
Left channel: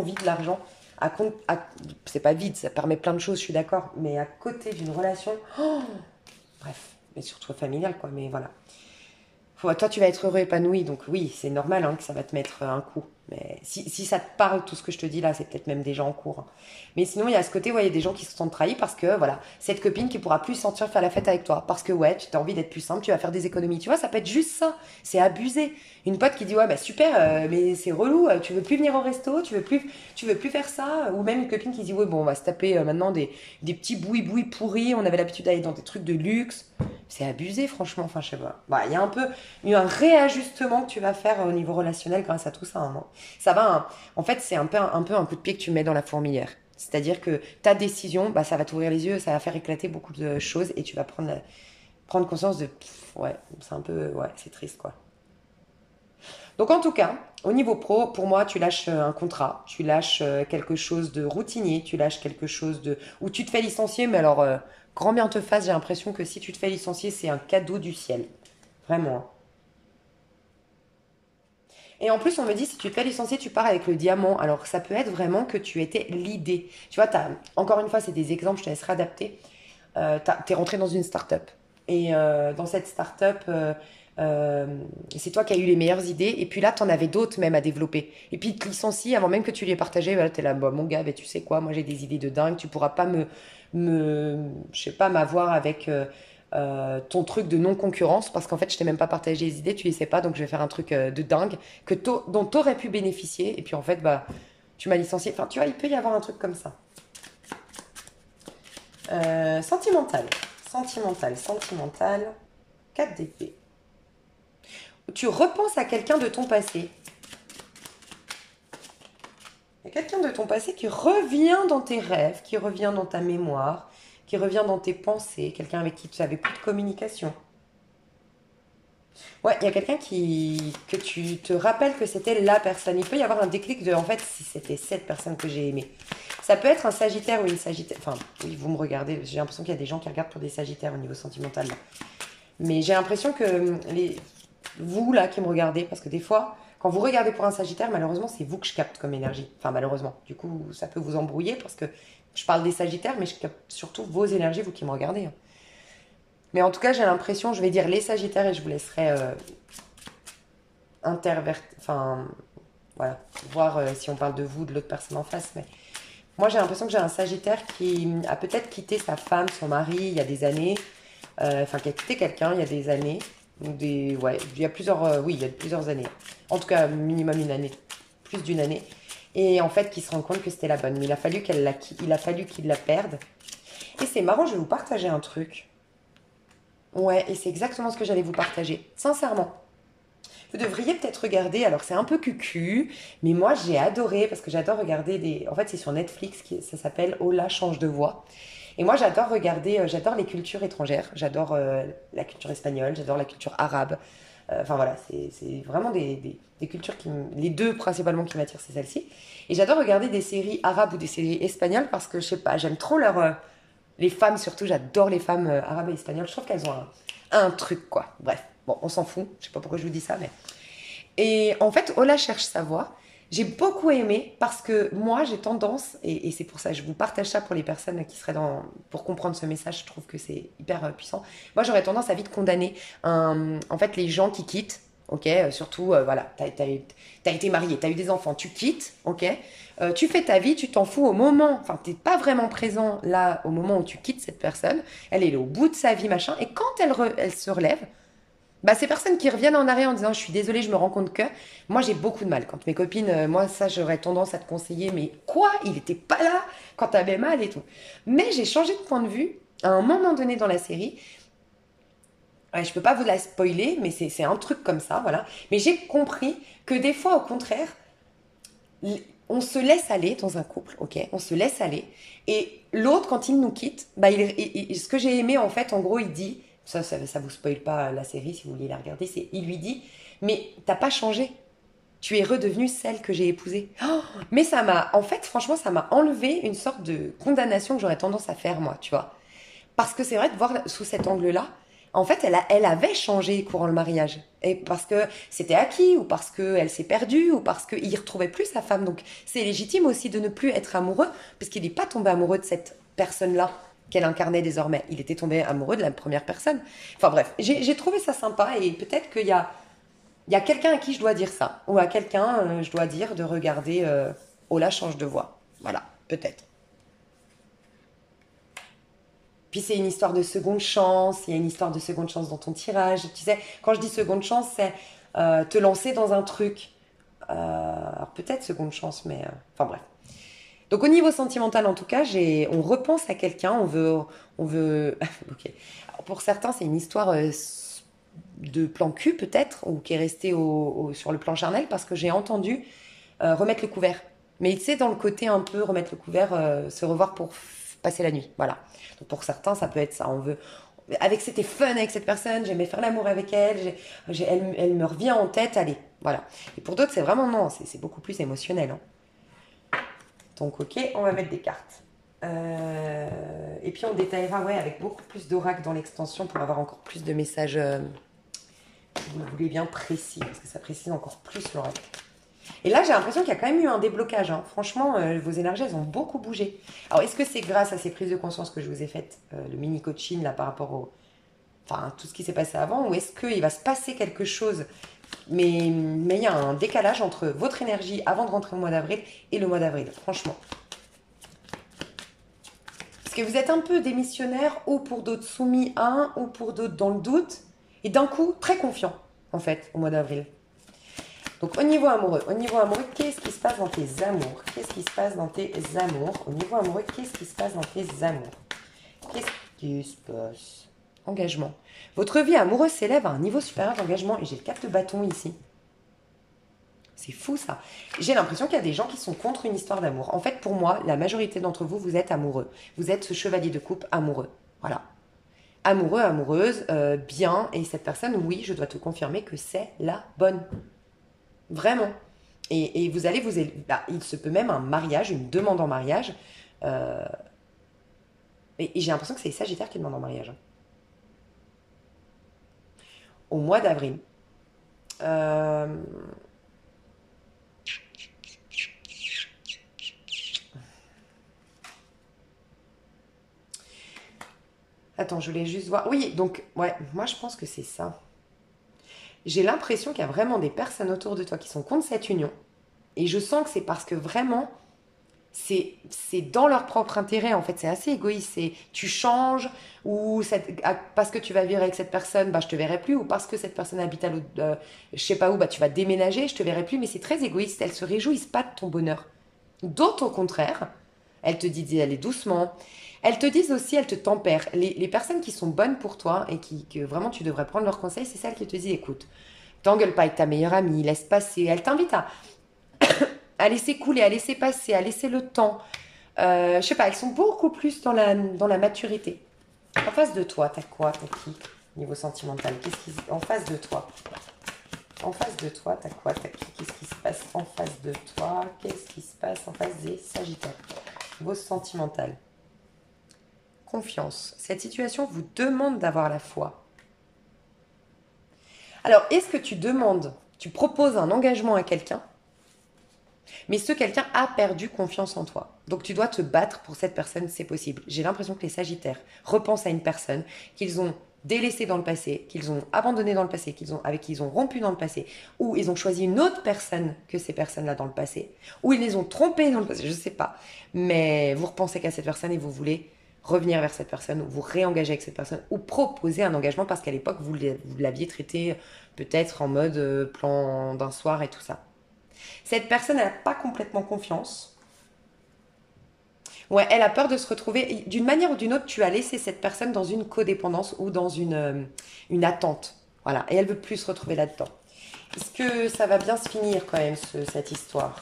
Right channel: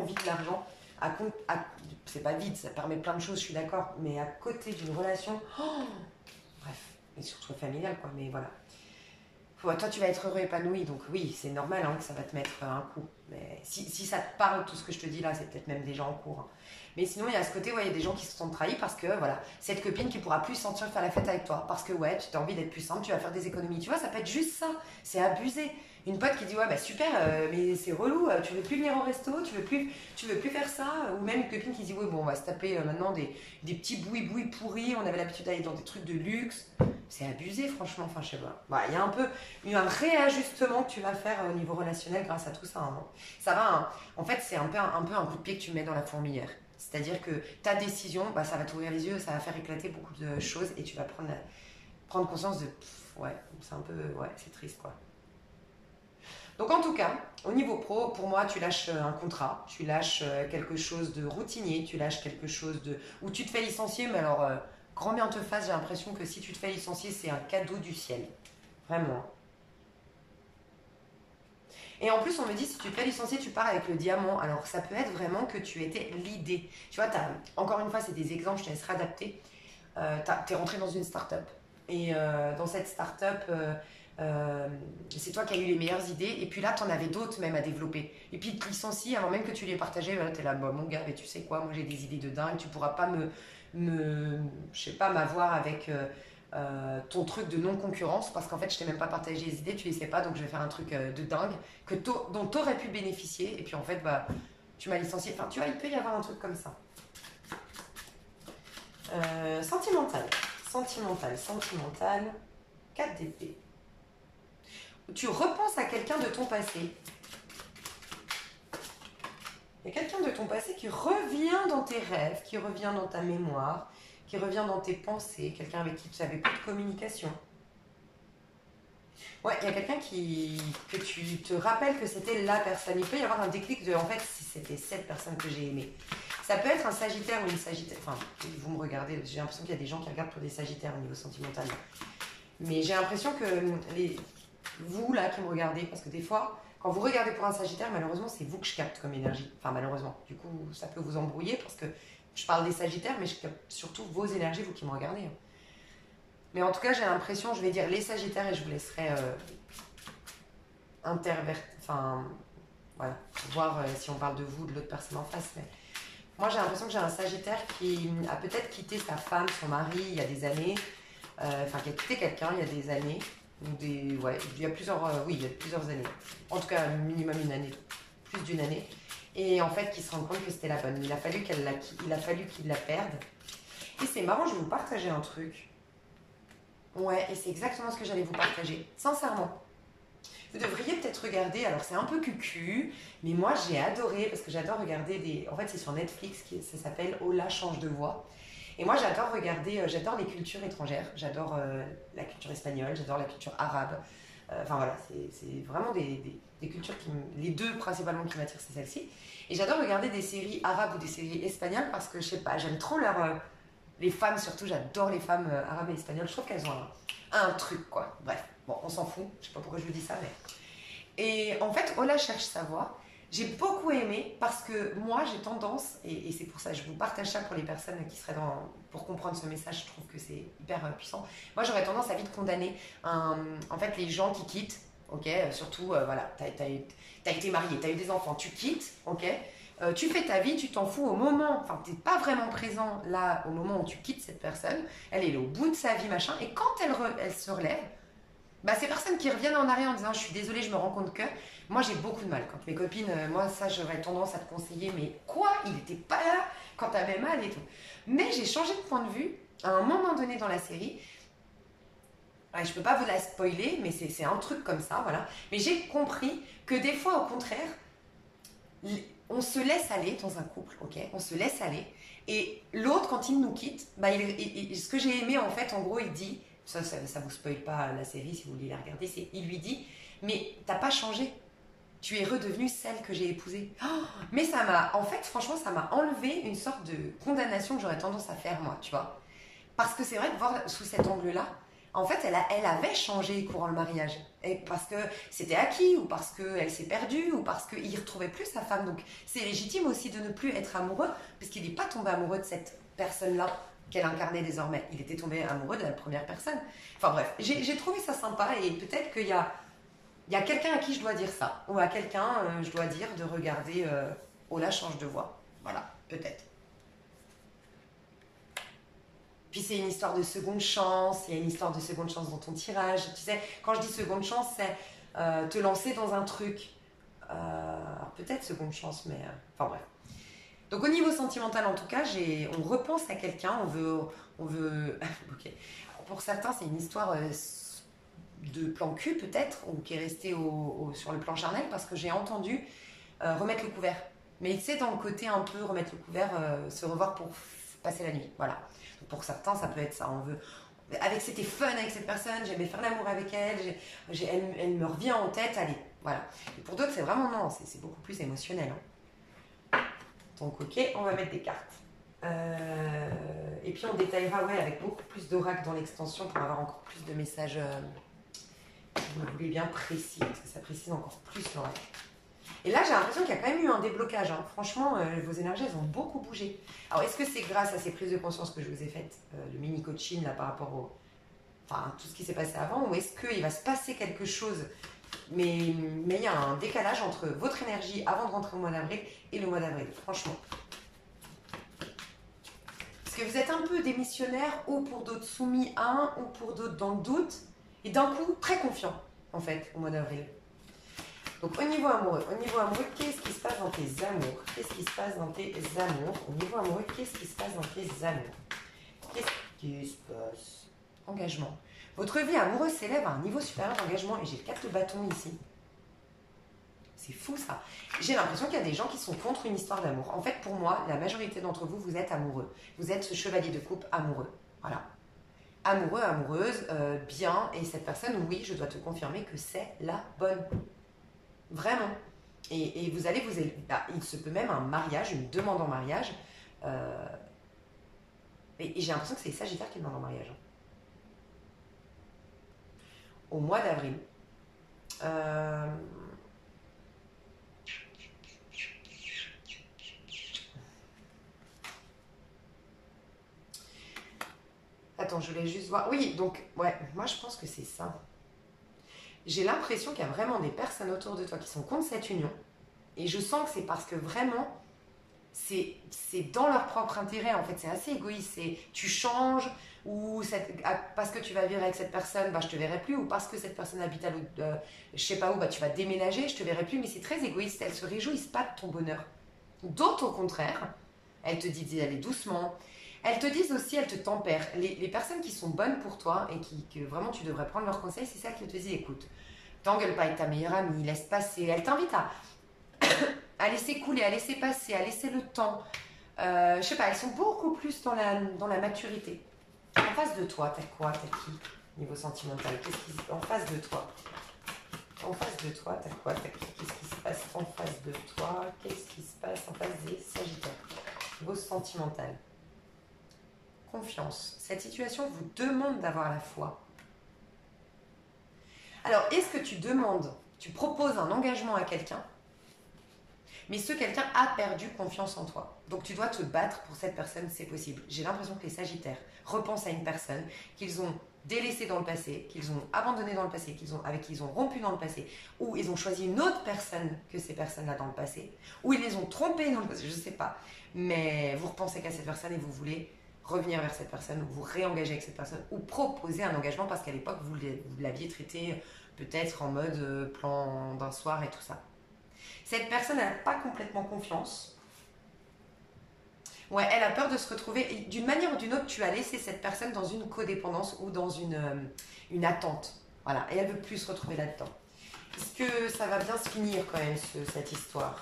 vite l'argent. c'est pas vide, ça permet plein de choses, je suis d'accord, mais à côté d'une relation, bref, mais surtout familiale, quoi, mais voilà. Toi, tu vas être heureux, épanoui, donc oui, c'est normal hein, que ça va te mettre un coup. Mais si ça te parle, tout ce que je te dis là, c'est peut-être même déjà en cours, hein. Mais sinon, il y a ce côté, ouais, il y a des gens qui se sentent trahis parce que, voilà, cette copine qui pourra plus sortir faire la fête avec toi. Parce que, ouais, tu as envie d'être plus simple, tu vas faire des économies. Tu vois, ça peut être juste ça. C'est abusé. Une pote qui dit, ouais, bah super, mais c'est relou, tu veux plus venir au resto, tu veux plus faire ça. Ou même une copine qui dit, ouais, bon, on va se taper maintenant des petits boui-boui pourris, on avait l'habitude d'aller dans des trucs de luxe. C'est abusé, franchement, enfin, je sais pas. Bah, il y a un réajustement que tu vas faire au niveau relationnel grâce à tout ça, hein. Ça va, hein. En fait, c'est un peu un coup de pied que tu mets dans la fourmilière. C'est-à-dire que ta décision, bah, ça va t'ouvrir les yeux, ça va faire éclater beaucoup de choses et tu vas prendre conscience de, ouais, c'est un peu, ouais, c'est triste, quoi. Donc en tout cas, au niveau pro, pour moi, tu lâches un contrat, tu lâches quelque chose de routinier, tu lâches quelque chose de où tu te fais licencier, mais alors grand bien te fasse, j'ai l'impression que si tu te fais licencier, c'est un cadeau du ciel. Vraiment. Et en plus, on me dit, si tu te fais licencier, tu pars avec le diamant. Alors, ça peut être vraiment que tu étais l'idée. Tu vois, encore une fois, c'est des exemples, je te laisserai adapter. Tu es rentré dans une start-up. Et dans cette start-up, c'est toi qui as eu les meilleures idées. Et puis là, tu en avais d'autres même à développer. Et puis, ils te licencient avant même que tu les aies partagées. Voilà, tu es là, bah, mon gars, mais tu sais quoi, moi j'ai des idées de dingue. Tu pourras pas je sais pas, m'avoir avec ton truc de non-concurrence. Parce qu'en fait, je t'ai même pas partagé les idées, tu les sais pas. Donc, je vais faire un truc de dingue dont tu aurais pu bénéficier. Et puis, en fait, bah, tu m'as licencié. Enfin, tu vois, il peut y avoir un truc comme ça. Sentimental. Sentimental. 4 d'épée. Tu repenses à quelqu'un de ton passé. Il y a quelqu'un de ton passé qui revient dans tes rêves, qui revient dans ta mémoire, qui revient dans tes pensées. Quelqu'un avec qui tu n'avais plus de communication. Ouais, il y a quelqu'un que tu te rappelles que c'était la personne. Il peut y avoir un déclic de, en fait, si c'était cette personne que j'ai aimée. Ça peut être un Sagittaire ou une Sagittaire. Enfin, oui, vous me regardez. J'ai l'impression qu'il y a des gens qui regardent pour des Sagittaires au niveau sentimental. Mais j'ai l'impression que vous, là, qui me regardez, parce que des fois, quand vous regardez pour un Sagittaire, malheureusement, c'est vous que je capte comme énergie. Enfin, malheureusement. Du coup, ça peut vous embrouiller parce que je parle des Sagittaires, mais je capte surtout vos énergies, vous qui me regardez, hein. Mais en tout cas, j'ai l'impression, je vais dire les Sagittaires et je vous laisserai enfin, voilà, voir si on parle de vous, de l'autre personne en face. Mais moi, j'ai l'impression que j'ai un Sagittaire qui a peut-être quitté sa femme, son mari, il y a des années. Enfin, qui a quitté quelqu'un il y a des années. Ouais, il y a oui, il y a plusieurs années. En tout cas, minimum une année, plus d'une année. Et en fait, qui se rend compte que c'était la bonne. Mais il a fallu qu'il la perde. Et c'est marrant, je vais vous partager un truc. Ouais, et c'est exactement ce que j'allais vous partager. Sincèrement. Vous devriez peut-être regarder, alors c'est un peu cucu, mais moi j'ai adoré, parce que j'adore regarder En fait, c'est sur Netflix, ça s'appelle Hola, change de voix. Et moi, j'adore regarder, j'adore les cultures étrangères. J'adore la culture espagnole, j'adore la culture arabe. Enfin voilà, c'est vraiment des cultures les deux principalement qui m'attirent, c'est celle-ci. Et j'adore regarder des séries arabes ou des séries espagnoles parce que je sais pas, j'aime trop les femmes surtout. J'adore les femmes arabes et espagnoles. Je trouve qu'elles ont un truc quoi. Bref, bon, on s'en fout. Je sais pas pourquoi je vous dis ça, mais. Et en fait, Ola cherche sa voix. J'ai beaucoup aimé parce que moi, j'ai tendance, et c'est pour ça que je vous partage ça pour les personnes qui seraient pour comprendre ce message, je trouve que c'est hyper puissant. Moi, j'aurais tendance à vite condamner en fait, les gens qui quittent, ok, surtout, voilà, t'as été marié, t'as eu des enfants, tu quittes, ok, tu fais ta vie, tu t'en fous au moment, enfin, t'es pas vraiment présent là au moment où tu quittes cette personne, elle est au bout de sa vie, machin, et quand elle se relève, bah, ces personnes qui reviennent en arrière en disant je suis désolée, je me rends compte que moi j'ai beaucoup de mal quand mes copines, moi ça j'aurais tendance à te conseiller, mais quoi, il n'était pas là quand t'avais mal et tout. Mais j'ai changé de point de vue à un moment donné dans la série. Ouais, je peux pas vous la spoiler, mais c'est un truc comme ça, voilà. Mais j'ai compris que des fois, au contraire, on se laisse aller dans un couple, ok, on se laisse aller. Et l'autre, quand il nous quitte, bah, ce que j'ai aimé en fait, en gros, il dit. Ça vous spoil pas la série si vous voulez la regarder. Il lui dit, mais t'as pas changé. Tu es redevenue celle que j'ai épousée. Oh, mais en fait, franchement, ça m'a enlevé une sorte de condamnation que j'aurais tendance à faire moi, tu vois. Parce que c'est vrai de voir sous cet angle-là, En fait, elle avait changé courant le mariage. Et parce que c'était acquis, ou parce qu'elle s'est perdue, ou parce qu'il ne retrouvait plus sa femme. Donc c'est légitime aussi de ne plus être amoureux, parce qu'il n'est pas tombé amoureux de cette personne-là qu'elle incarnait désormais. Il était tombé amoureux de la première personne. Enfin bref, j'ai trouvé ça sympa, et peut-être il y a quelqu'un à qui je dois dire ça, ou à quelqu'un, je dois dire de regarder Ola change de voix. Voilà, peut-être. Puis c'est une histoire de seconde chance, il y a une histoire de seconde chance dans ton tirage. Tu sais, quand je dis seconde chance, c'est te lancer dans un truc. Alors peut-être seconde chance, mais... enfin bref. Donc au niveau sentimental, en tout cas, on repense à quelqu'un, on veut... ok. Alors, pour certains, c'est une histoire de plan cul peut-être, ou qui est restée sur le plan charnel, parce que j'ai entendu remettre le couvert. Mais tu sais, dans le côté un peu remettre le couvert, se revoir pour passer la nuit. Voilà. Donc pour certains, ça peut être ça. On veut... C'était fun avec cette personne, j'aimais faire l'amour avec elle, elle me revient en tête, allez, voilà. Et pour d'autres, c'est vraiment non, c'est beaucoup plus émotionnel. Hein. Donc ok, on va mettre des cartes. Et puis on détaillera avec beaucoup plus d'oracle dans l'extension pour avoir encore plus de messages, si vous voulez bien, précis, parce que ça précise encore plus l'oracle. Et là, j'ai l'impression qu'il y a quand même eu un déblocage. Hein. Franchement, vos énergies, elles ont beaucoup bougé. Alors, est-ce que c'est grâce à ces prises de conscience que je vous ai faites, le mini-coaching, là, par rapport enfin, tout ce qui s'est passé avant, ou est-ce qu'il va se passer quelque chose, mais il y a un décalage entre votre énergie avant de rentrer au mois d'avril et le mois d'avril, franchement. Parce que vous êtes un peu démissionnaire, ou pour d'autres soumis à un, ou pour d'autres dans le doute, et d'un coup, très confiant, en fait, au mois d'avril. Donc au niveau amoureux, qu'est-ce qui se passe dans tes amours? Qu'est-ce qui se passe dans tes amours? Au niveau amoureux, qu'est-ce qui se passe dans tes amours? Qu'est-ce qui se passe? Engagement. Votre vie amoureuse s'élève à un niveau supérieur d'engagement. Et j'ai 4 de bâton ici. C'est fou ça. J'ai l'impression qu'il y a des gens qui sont contre une histoire d'amour. En fait, pour moi, la majorité d'entre vous, vous êtes amoureux. Vous êtes ce chevalier de coupe amoureux. Voilà. Amoureux, amoureuse, bien. Et cette personne, oui, je dois te confirmer que c'est la bonne. Vraiment. Et vous allez il se peut même un mariage, une demande en mariage. Et j'ai l'impression que c'est les Sagittaires qui demandent en mariage. Au mois d'avril. Attends, je voulais juste voir. Oui, donc, ouais, moi je pense que c'est ça. J'ai l'impression qu'il y a vraiment des personnes autour de toi qui sont contre cette union. Et je sens que c'est parce que vraiment, c'est dans leur propre intérêt, en fait. C'est assez égoïste. C'est tu changes, ou parce que tu vas vivre avec cette personne, bah, je te verrai plus. Ou parce que cette personne habite à l'autre, je sais pas où, bah, tu vas déménager, je te verrai plus. Mais c'est très égoïste. Elles se réjouissent pas de ton bonheur. D'autres, au contraire, elles te disent d'aller doucement. Elles te disent aussi, elles te tempèrent. Les personnes qui sont bonnes pour toi et que vraiment tu devrais prendre leurs conseils, c'est celles qui te disent écoute, t'engueule pas avec ta meilleure amie, laisse passer. Elle t'invite à laisser couler, à laisser passer, à laisser le temps. Je sais pas, elles sont beaucoup plus dans la maturité. En face de toi, t'as quoi? T'as qui? Niveau sentimental, en face de toi? En face de toi, t'as quoi? T'as qui? Qu'est-ce qui se passe en face de toi? Qu'est-ce qui se passe en face des Sagittaires? Niveau sentimental. Confiance. Cette situation vous demande d'avoir la foi. Alors, est-ce que tu proposes un engagement à quelqu'un, mais ce quelqu'un a perdu confiance en toi. Donc, tu dois te battre pour cette personne, c'est possible. J'ai l'impression que les Sagittaires repensent à une personne qu'ils ont délaissée dans le passé, qu'ils ont abandonnée dans le passé, avec qui ils ont rompu dans le passé, ou ils ont choisi une autre personne que ces personnes-là dans le passé, ou ils les ont trompés dans le passé, je ne sais pas. Mais vous repensez qu'à cette personne et vous voulez revenir vers cette personne, ou vous réengager avec cette personne, ou proposer un engagement parce qu'à l'époque, vous l'aviez traité peut-être en mode plan d'un soir et tout ça. Cette personne, elle n'a pas complètement confiance. Ouais, elle a peur de se retrouver. D'une manière ou d'une autre, tu as laissé cette personne dans une codépendance ou dans une attente. Voilà, et elle veut plus se retrouver là-dedans. Est-ce que ça va bien se finir quand même, cette histoire?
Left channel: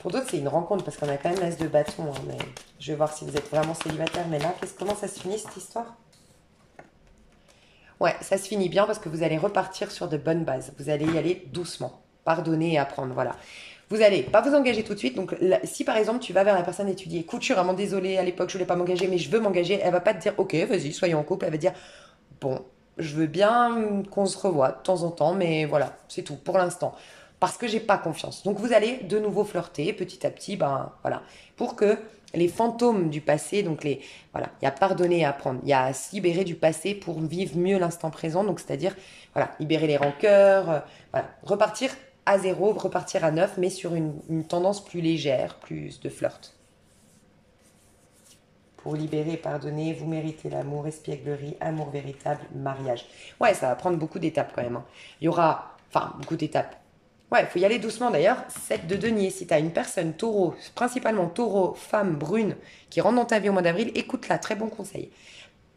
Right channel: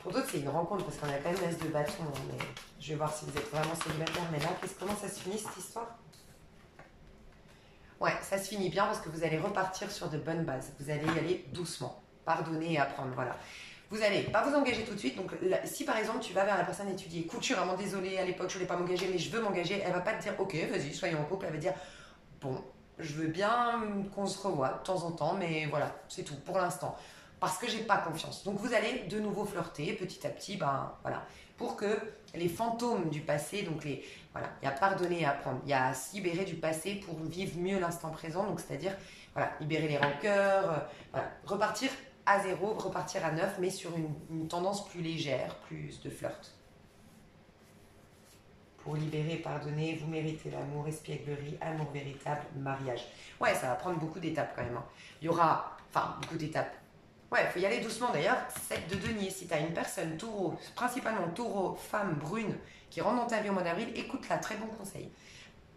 Pour d'autres, c'est une rencontre parce qu'on a quand même l'as de bâton. Hein, mais je vais voir si vous êtes vraiment célibataire. Mais là, comment ça se finit cette histoire? Ouais, ça se finit bien parce que vous allez repartir sur de bonnes bases. Vous allez y aller doucement. Pardonner et apprendre, voilà. Vous allez pas vous engager tout de suite. Donc, là, si par exemple, tu vas vers la personne et tu dis, écoute, je suis vraiment désolée, à l'époque, je voulais pas m'engager, mais je veux m'engager, elle va pas te dire, ok, vas-y, soyons en couple. Elle va dire, bon, je veux bien qu'on se revoie de temps en temps, mais voilà, c'est tout pour l'instant. Parce que j'ai pas confiance. Donc, vous allez de nouveau flirter petit à petit, ben voilà, pour que les fantômes du passé, donc les, voilà, il y a pardonner et apprendre, il y a à se libérer du passé pour vivre mieux l'instant présent. Donc, c'est-à-dire, voilà, libérer les rancœurs, voilà, repartir à zéro, repartir à neuf, mais sur une tendance plus légère, plus de flirt. Pour libérer et pardonner, vous méritez l'amour, espièglerie, amour véritable, mariage. Ouais, ça va prendre beaucoup d'étapes quand même, hein. Il y aura, enfin, beaucoup d'étapes. Ouais, il faut y aller doucement d'ailleurs. 7 de denier, si tu as une personne taureau, principalement taureau, femme, brune, qui rentre dans ta vie au mois d'avril, écoute-la, très bon conseil.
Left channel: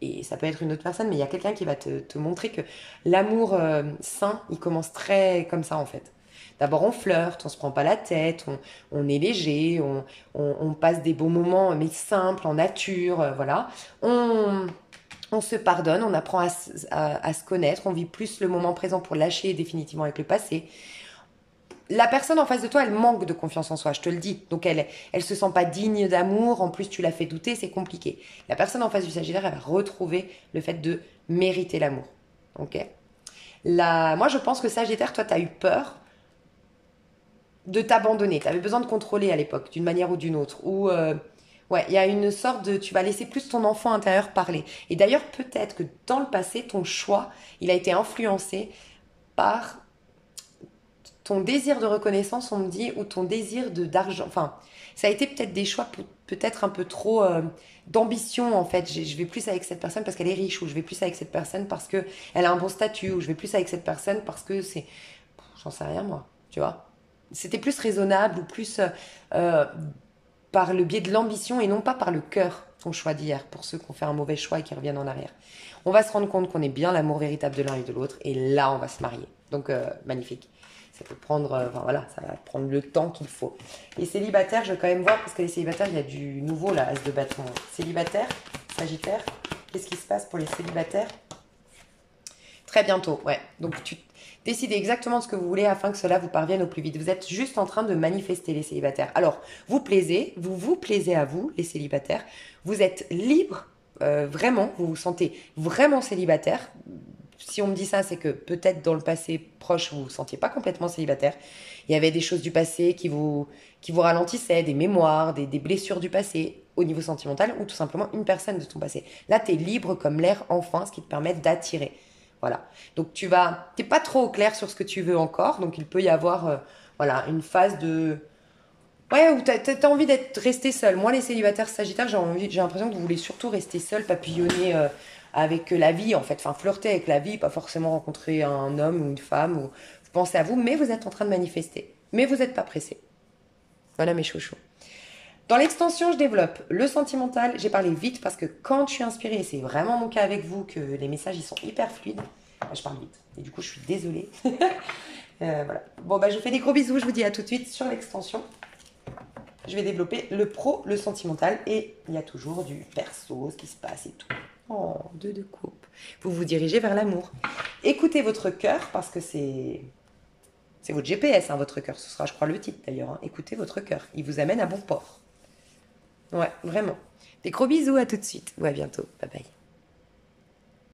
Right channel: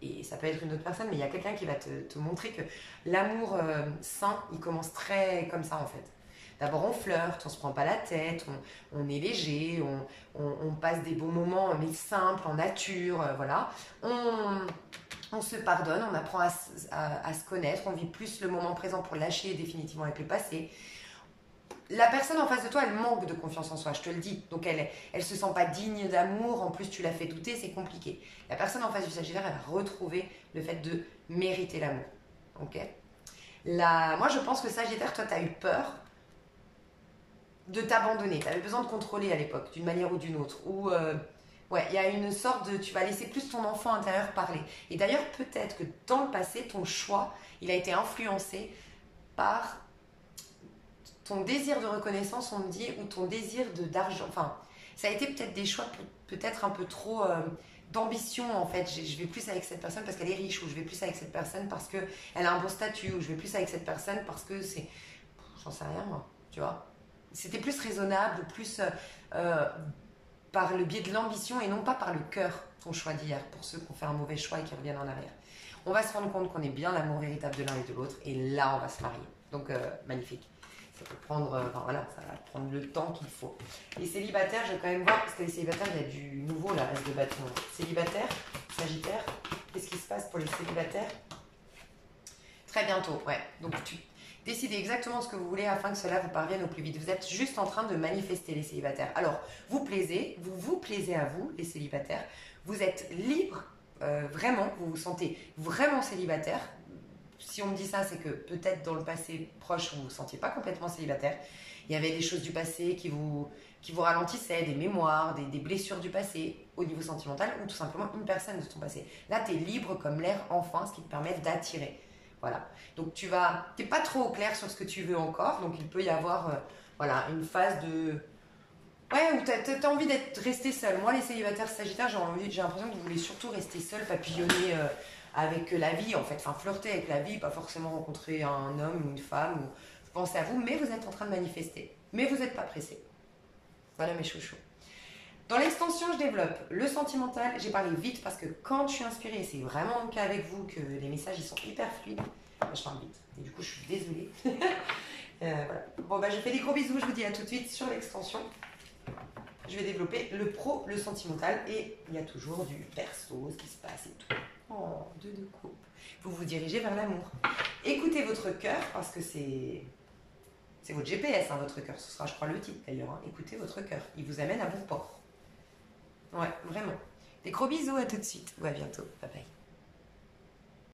Et ça peut être une autre personne, mais il y a quelqu'un qui va te montrer que l'amour sain, il commence très comme ça en fait. D'abord, on flirte, on se prend pas la tête, on est léger, on passe des beaux moments, mais simples, en nature, voilà. On se pardonne, on apprend à se connaître, on vit plus le moment présent pour lâcher définitivement avec le passé. La personne en face de toi, elle manque de confiance en soi, je te le dis. Donc elle se sent pas digne d'amour, en plus tu la fais douter, c'est compliqué. La personne en face du Sagittaire, elle va retrouver le fait de mériter l'amour. Ok. Moi, je pense que Sagittaire, toi, tu as eu peur de t'abandonner. Tu avais besoin de contrôler à l'époque, d'une manière ou d'une autre. Ou, ouais, il y a une sorte de... Tu vas laisser plus ton enfant intérieur parler. Et d'ailleurs, peut-être que dans le passé, ton choix, il a été influencé par ton désir de reconnaissance, on me dit, ou ton désir d'argent. Enfin, ça a été peut-être des choix peut-être un peu trop d'ambition en fait. Je vais plus avec cette personne parce qu'elle est riche, ou je vais plus avec cette personne parce qu'elle a un bon statut, ou je vais plus avec cette personne parce que c'est... J'en sais rien moi, tu vois. C'était plus raisonnable ou plus par le biais de l'ambition et non pas par le cœur, ton choix d'hier, pour ceux qui ont fait un mauvais choix et qui reviennent en arrière. On va se rendre compte qu'on est bien l'amour véritable de l'un et de l'autre, et là on va se marier. Donc magnifique. Ça peut prendre, enfin voilà, ça va prendre le temps qu'il faut. Les célibataires, je vais quand même voir, parce que les célibataires, il y a du nouveau là, As de bâton. Célibataire, Sagittaire, qu'est-ce qui se passe pour les célibataires? Très bientôt, ouais. Donc tu décidez exactement ce que vous voulez afin que cela vous parvienne au plus vite. Vous êtes juste en train de manifester les célibataires. Alors, vous vous plaisez à vous, les célibataires. Vous êtes libre, vraiment, vous vous sentez vraiment célibataire. Si on me dit ça, c'est que peut-être dans le passé proche, vous ne vous sentiez pas complètement célibataire. Il y avait des choses du passé qui vous ralentissaient, des mémoires, des blessures du passé au niveau sentimental, ou tout simplement une personne de ton passé. Là, tu es libre comme l'air enfin, ce qui te permet d'attirer. Voilà. Donc, t'es pas trop au clair sur ce que tu veux encore. Donc, il peut y avoir voilà, une phase de... Ouais, où t'as envie d'être resté seul. Moi, les célibataires sagittaires, j'ai l'impression que vous voulez surtout rester seul, papillonner avec la vie, en fait. Enfin, flirter avec la vie, pas forcément rencontrer un homme ou une femme. Ou... Vous pensez à vous, mais vous êtes en train de manifester. Mais vous n'êtes pas pressé. Voilà mes chouchous. Dans l'extension, je développe le sentimental. J'ai parlé vite parce que quand je suis inspirée, et c'est vraiment mon cas avec vous, que les messages ils sont hyper fluides, je parle vite. Et du coup, je suis désolée. Voilà. Bon, bah, je vous fais des gros bisous. Je vous dis à tout de suite sur l'extension. Je vais développer le pro, le sentimental, et il y a toujours du perso, ce qui se passe et tout. Oh, deux de coupe. Vous vous dirigez vers l'amour. Écoutez votre cœur, parce que c'est votre GPS, hein, votre cœur. Ce sera, je crois, le titre d'ailleurs. Hein. Écoutez votre cœur. Il vous amène à bon port. Ouais, vraiment. Des gros bisous, à tout de suite. Ou à bientôt. Bye bye.